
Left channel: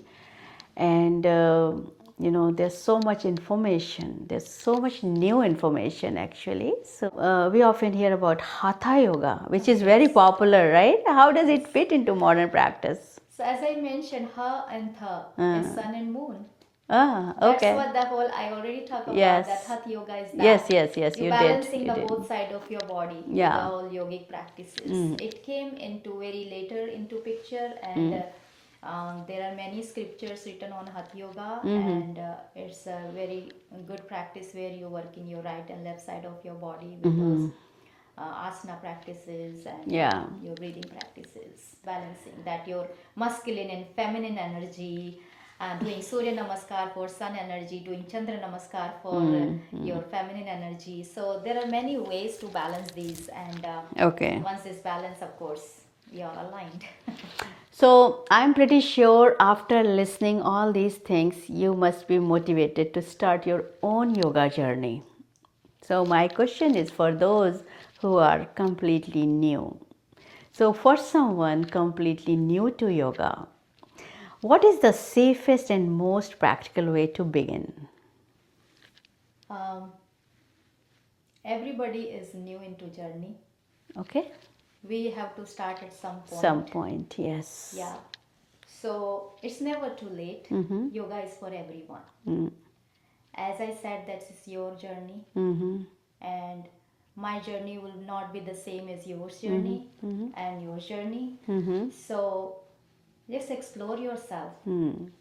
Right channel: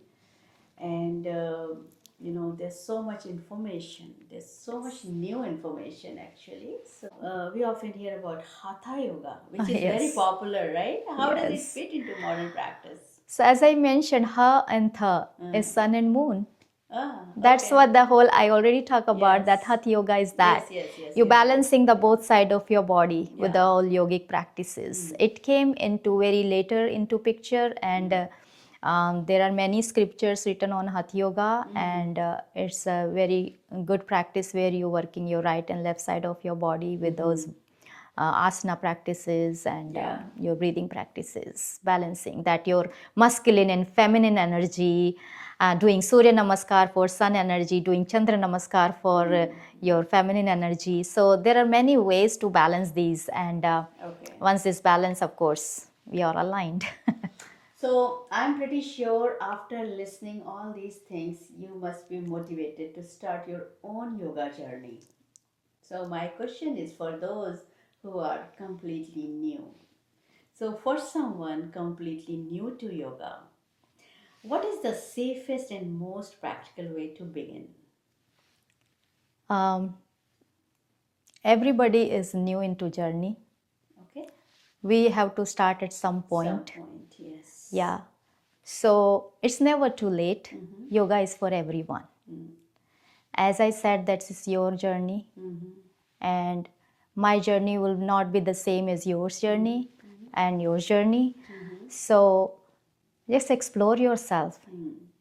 And there's so much information. There's so much new information actually. So we often hear about Hatha Yoga, which is very popular, right? How does it fit into modern practice? So as I mentioned, Ha and Tha is sun and moon. Ah, That's okay. what the whole I already talked about. Yes. That Hatha Yoga is that. Yes. You're you did, balancing you the did. both side of your body Yeah. with all yogic practices. It came into very later into picture, and there are many scriptures written on Hatha Yoga, and it's a very good practice where you're working your right and left side of your body with those asana practices and your breathing practices, balancing that your masculine and feminine energy. Doing Surya Namaskar for sun energy, doing Chandra Namaskar for your feminine energy. So there are many ways to balance these, and Okay. once this balance, of course, we are aligned. So I'm pretty sure after listening all these things, you must be motivated to start your own yoga journey. So my question is for those who are completely new. So for someone completely new to yoga, what is the safest and most practical way to begin? Everybody is new into journey. Okay. We have to start at some point. Some point, yes. Yeah. So it's never too late. Yoga is for everyone. As I said, that is your journey. And my journey will not be the same as yours journey and your journey. So just explore yourself.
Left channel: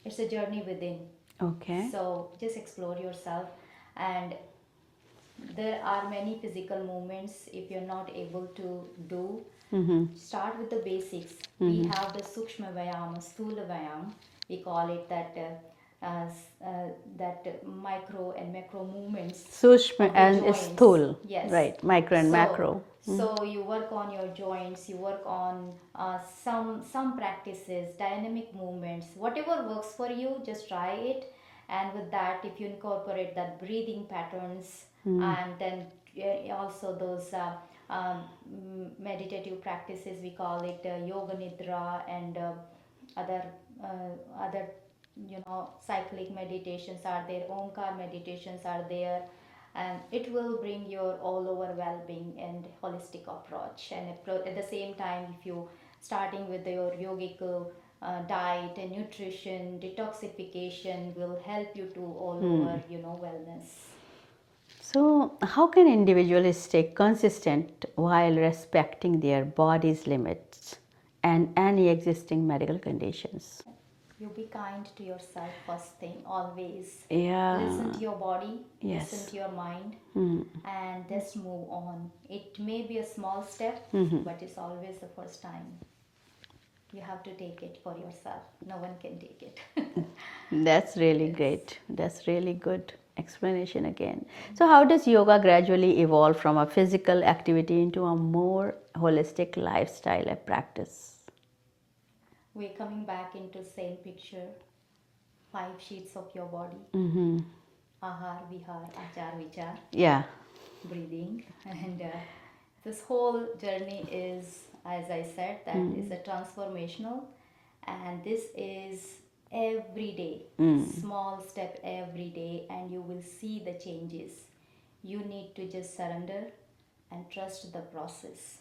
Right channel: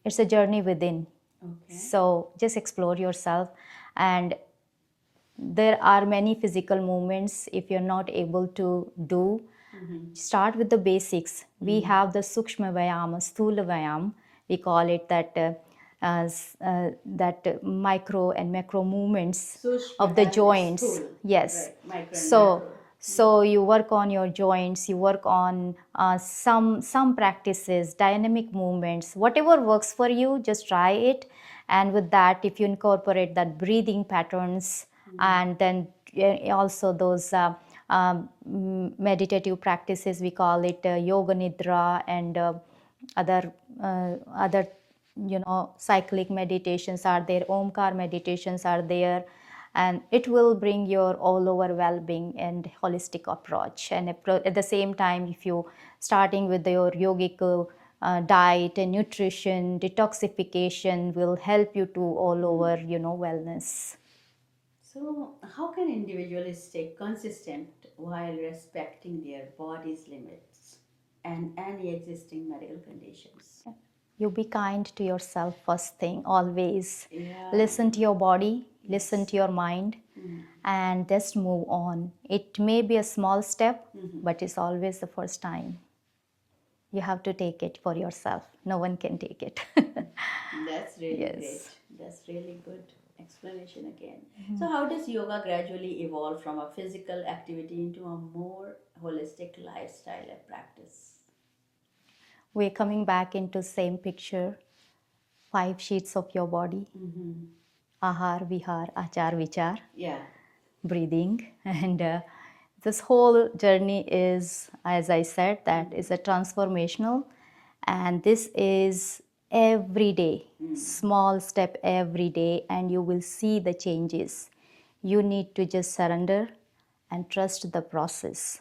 It's a journey within. Okay. So just explore yourself. And there are many physical movements if you're not able to do. Start with the basics. We have the Sukshma Vayam, Sthula Vayam. We call it that micro and macro movements Sushma of the and joints. sthul. Yes. Right, micro and So, macro. so you work on your joints, you work on some practices, dynamic movements, whatever works for you, just try it. And with that, if you incorporate that breathing patterns, and then also those meditative practices, we call it yoga nidra and other cyclic meditations are there, omkar meditations are there, and it will bring your all over well-being and holistic approach. And at the same time, if you starting with your yogic diet and nutrition, detoxification will help you to all over wellness. So, how can individuals stay consistent while respecting their body's limits and any existing medical conditions? You be kind to yourself first thing, always. Yeah. Listen to your body, Yes. listen to your mind, and just move on. It may be a small step, but it's always the first time. You have to take it for yourself. No one can take it. That's really Yes. great. That's really good explanation again. So, how does yoga gradually evolve from a physical activity into a more holistic lifestyle practice? We're coming back into same picture. 5 sheets of your body. Ahar, vihar, achar, vichar. Yeah. Breathing. And this whole journey is, as I said, that is a transformational. And this is every day, small step every day, and you will see the changes. You need to just surrender and trust the process.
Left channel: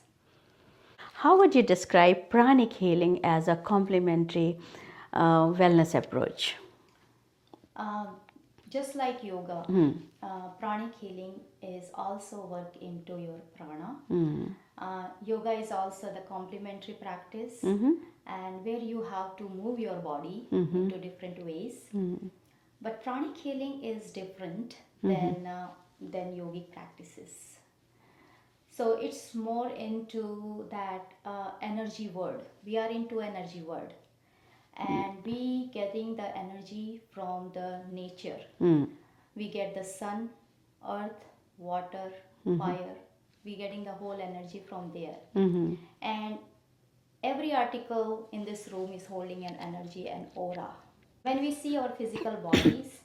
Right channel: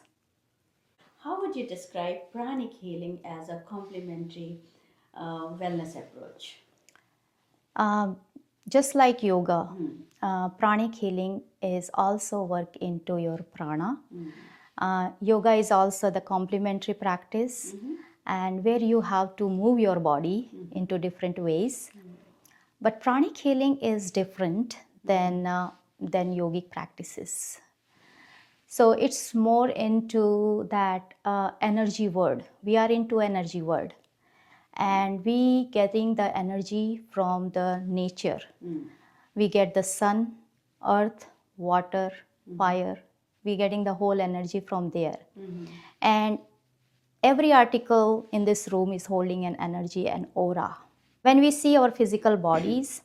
How would you describe pranic healing as a complementary wellness approach? Just like yoga, pranic healing is also work into your prana. Yoga is also the complementary practice, and where you have to move your body into different ways. But pranic healing is different than yogic practices. So it's more into that energy world. We are into energy world, and we getting the energy from the nature. We get the sun, earth, water, fire. We getting the whole energy from there. And every article in this room is holding an energy and aura. When we see our physical bodies,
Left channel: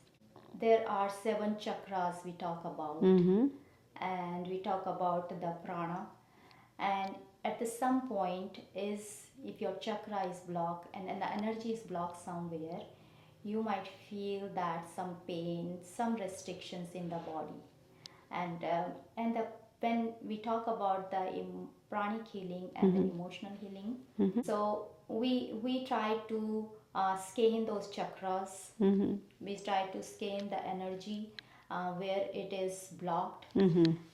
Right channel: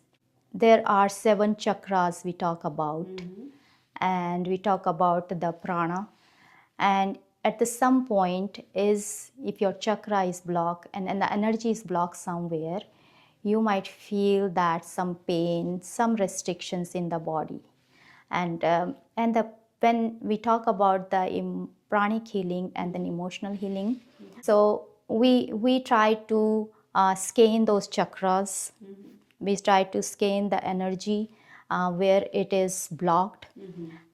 there are 7 chakras we talk about, and we talk about the prana. And at the some point is, if your chakra is blocked and the energy is blocked somewhere, you might feel that some pain, some restrictions in the body. And when we talk about the pranic healing and then emotional healing, so we try to scan those chakras. We try to scan the energy where it is blocked.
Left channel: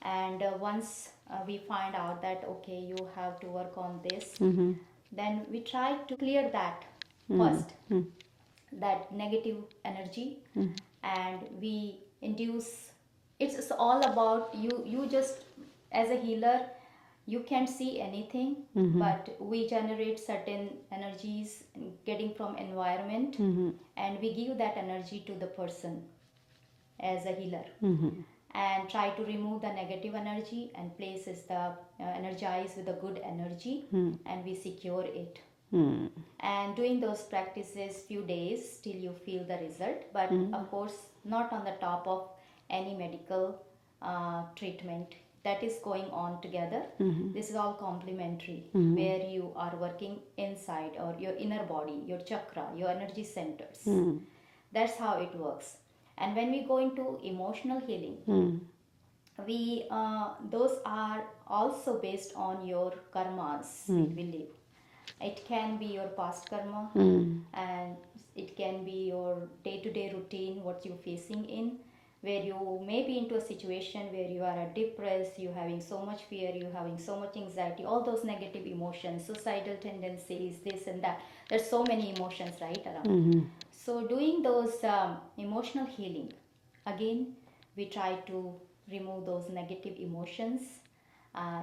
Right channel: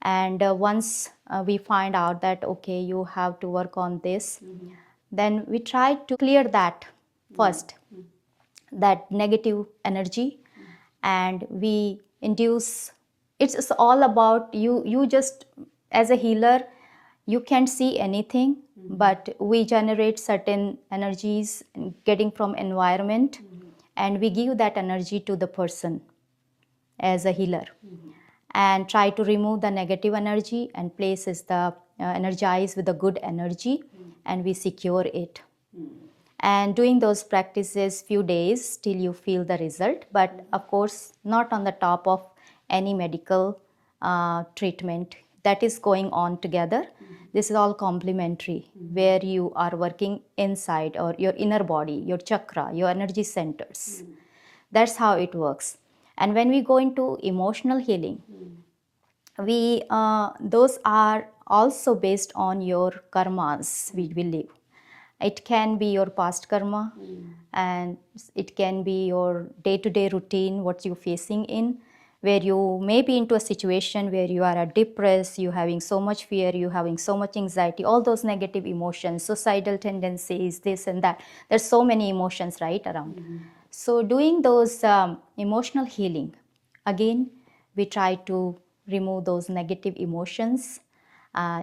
And once we find out that okay, you have to work on this, then we try to clear that first, that negative energy, and we induce. It's all about you just, as a healer, you can't see anything, but we generate certain energies getting from environment, and we give that energy to the person as a healer, and try to remove the negative energy and places the energize with the good energy, and we secure it. And doing those practices few days till you feel the result, but of course not on the top of any medical treatment that is going on together. This is all complementary, where you are working inside or your inner body, your chakra, your energy centers. That's how it works. And when we go into emotional healing, we those are also based on your karmas we live. It can be your past karma, and it can be your day-to-day routine, what you're facing in, where you may be into a situation where you are depressed, you having so much fear, you having so much anxiety, all those negative emotions, suicidal tendencies, this and that. There's so many emotions right around. So doing those emotional healing, again, we try to remove those negative emotions,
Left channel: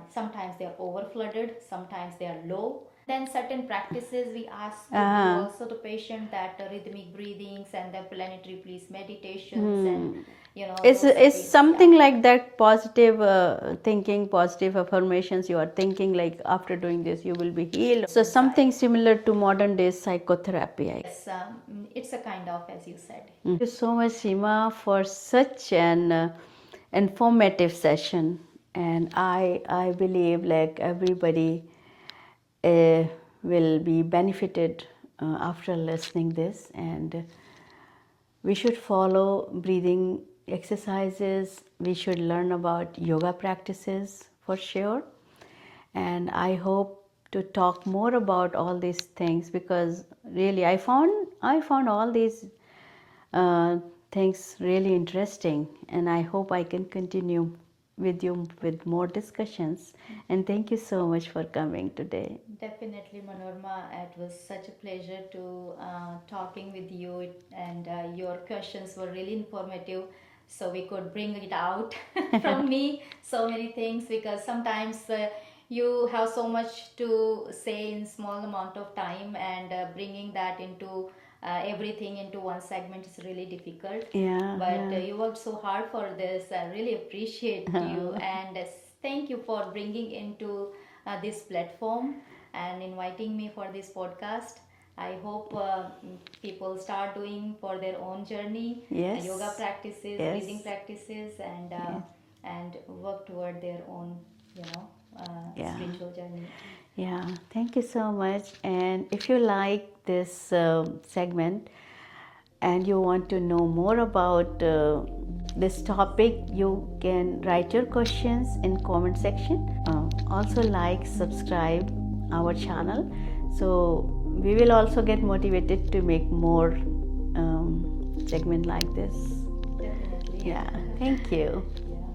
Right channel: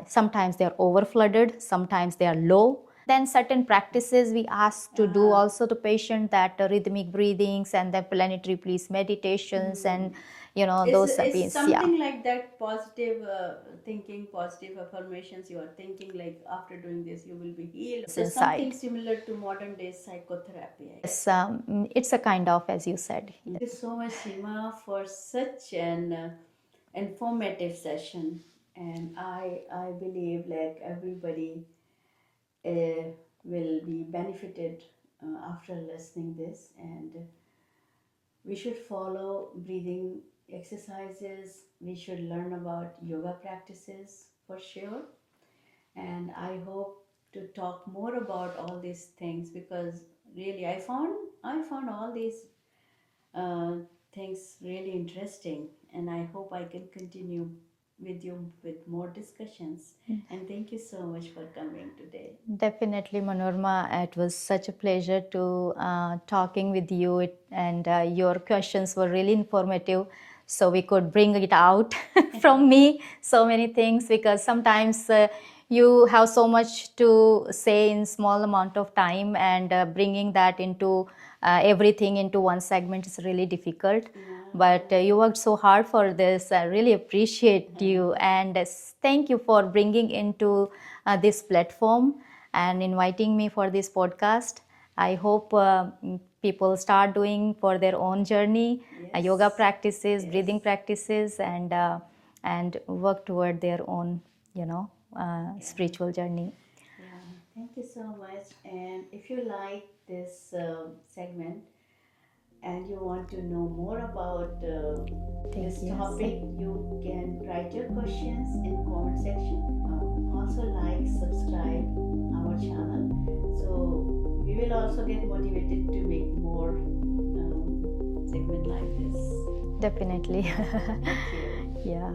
Sometimes they are overflooded, sometimes they are low. Then certain practices we ask to do also to patient, that rhythmic breathings and the planetary please meditations and It's something like that positive thinking, positive affirmations you are thinking, like after doing this you will be healed. So something similar to modern day psychotherapy. Yes, it's a kind of, as you said. Thank you so much, Seema, for such an informative session. And I believe like everybody will be benefited after listening this, and we should follow breathing exercises. We should learn about yoga practices for sure. And I hope to talk more about all these things, because really I found all these things really interesting, and I hope I can continue with you with more discussions. And thank you so much for coming today. Definitely, Manorma. It was such a pleasure to talking with you, and your questions were really informative. So we could bring it out from me so many things, because sometimes you have so much to say in small amount of time, and bringing that into everything into one segment is really difficult. But you worked so hard for this. I really appreciate you, and thank you for bringing into this platform and inviting me for this podcast. I hope people start doing for their own journey, yoga practices, breathing practices, and work toward their own, spiritual journey. Yeah, thank you so much. And if you like this segment and you want to know more about this topic, you can write your questions in comment section. Also like, subscribe our channel, so we will also get motivated to make more segment like this. Definitely. Thank you. Yeah.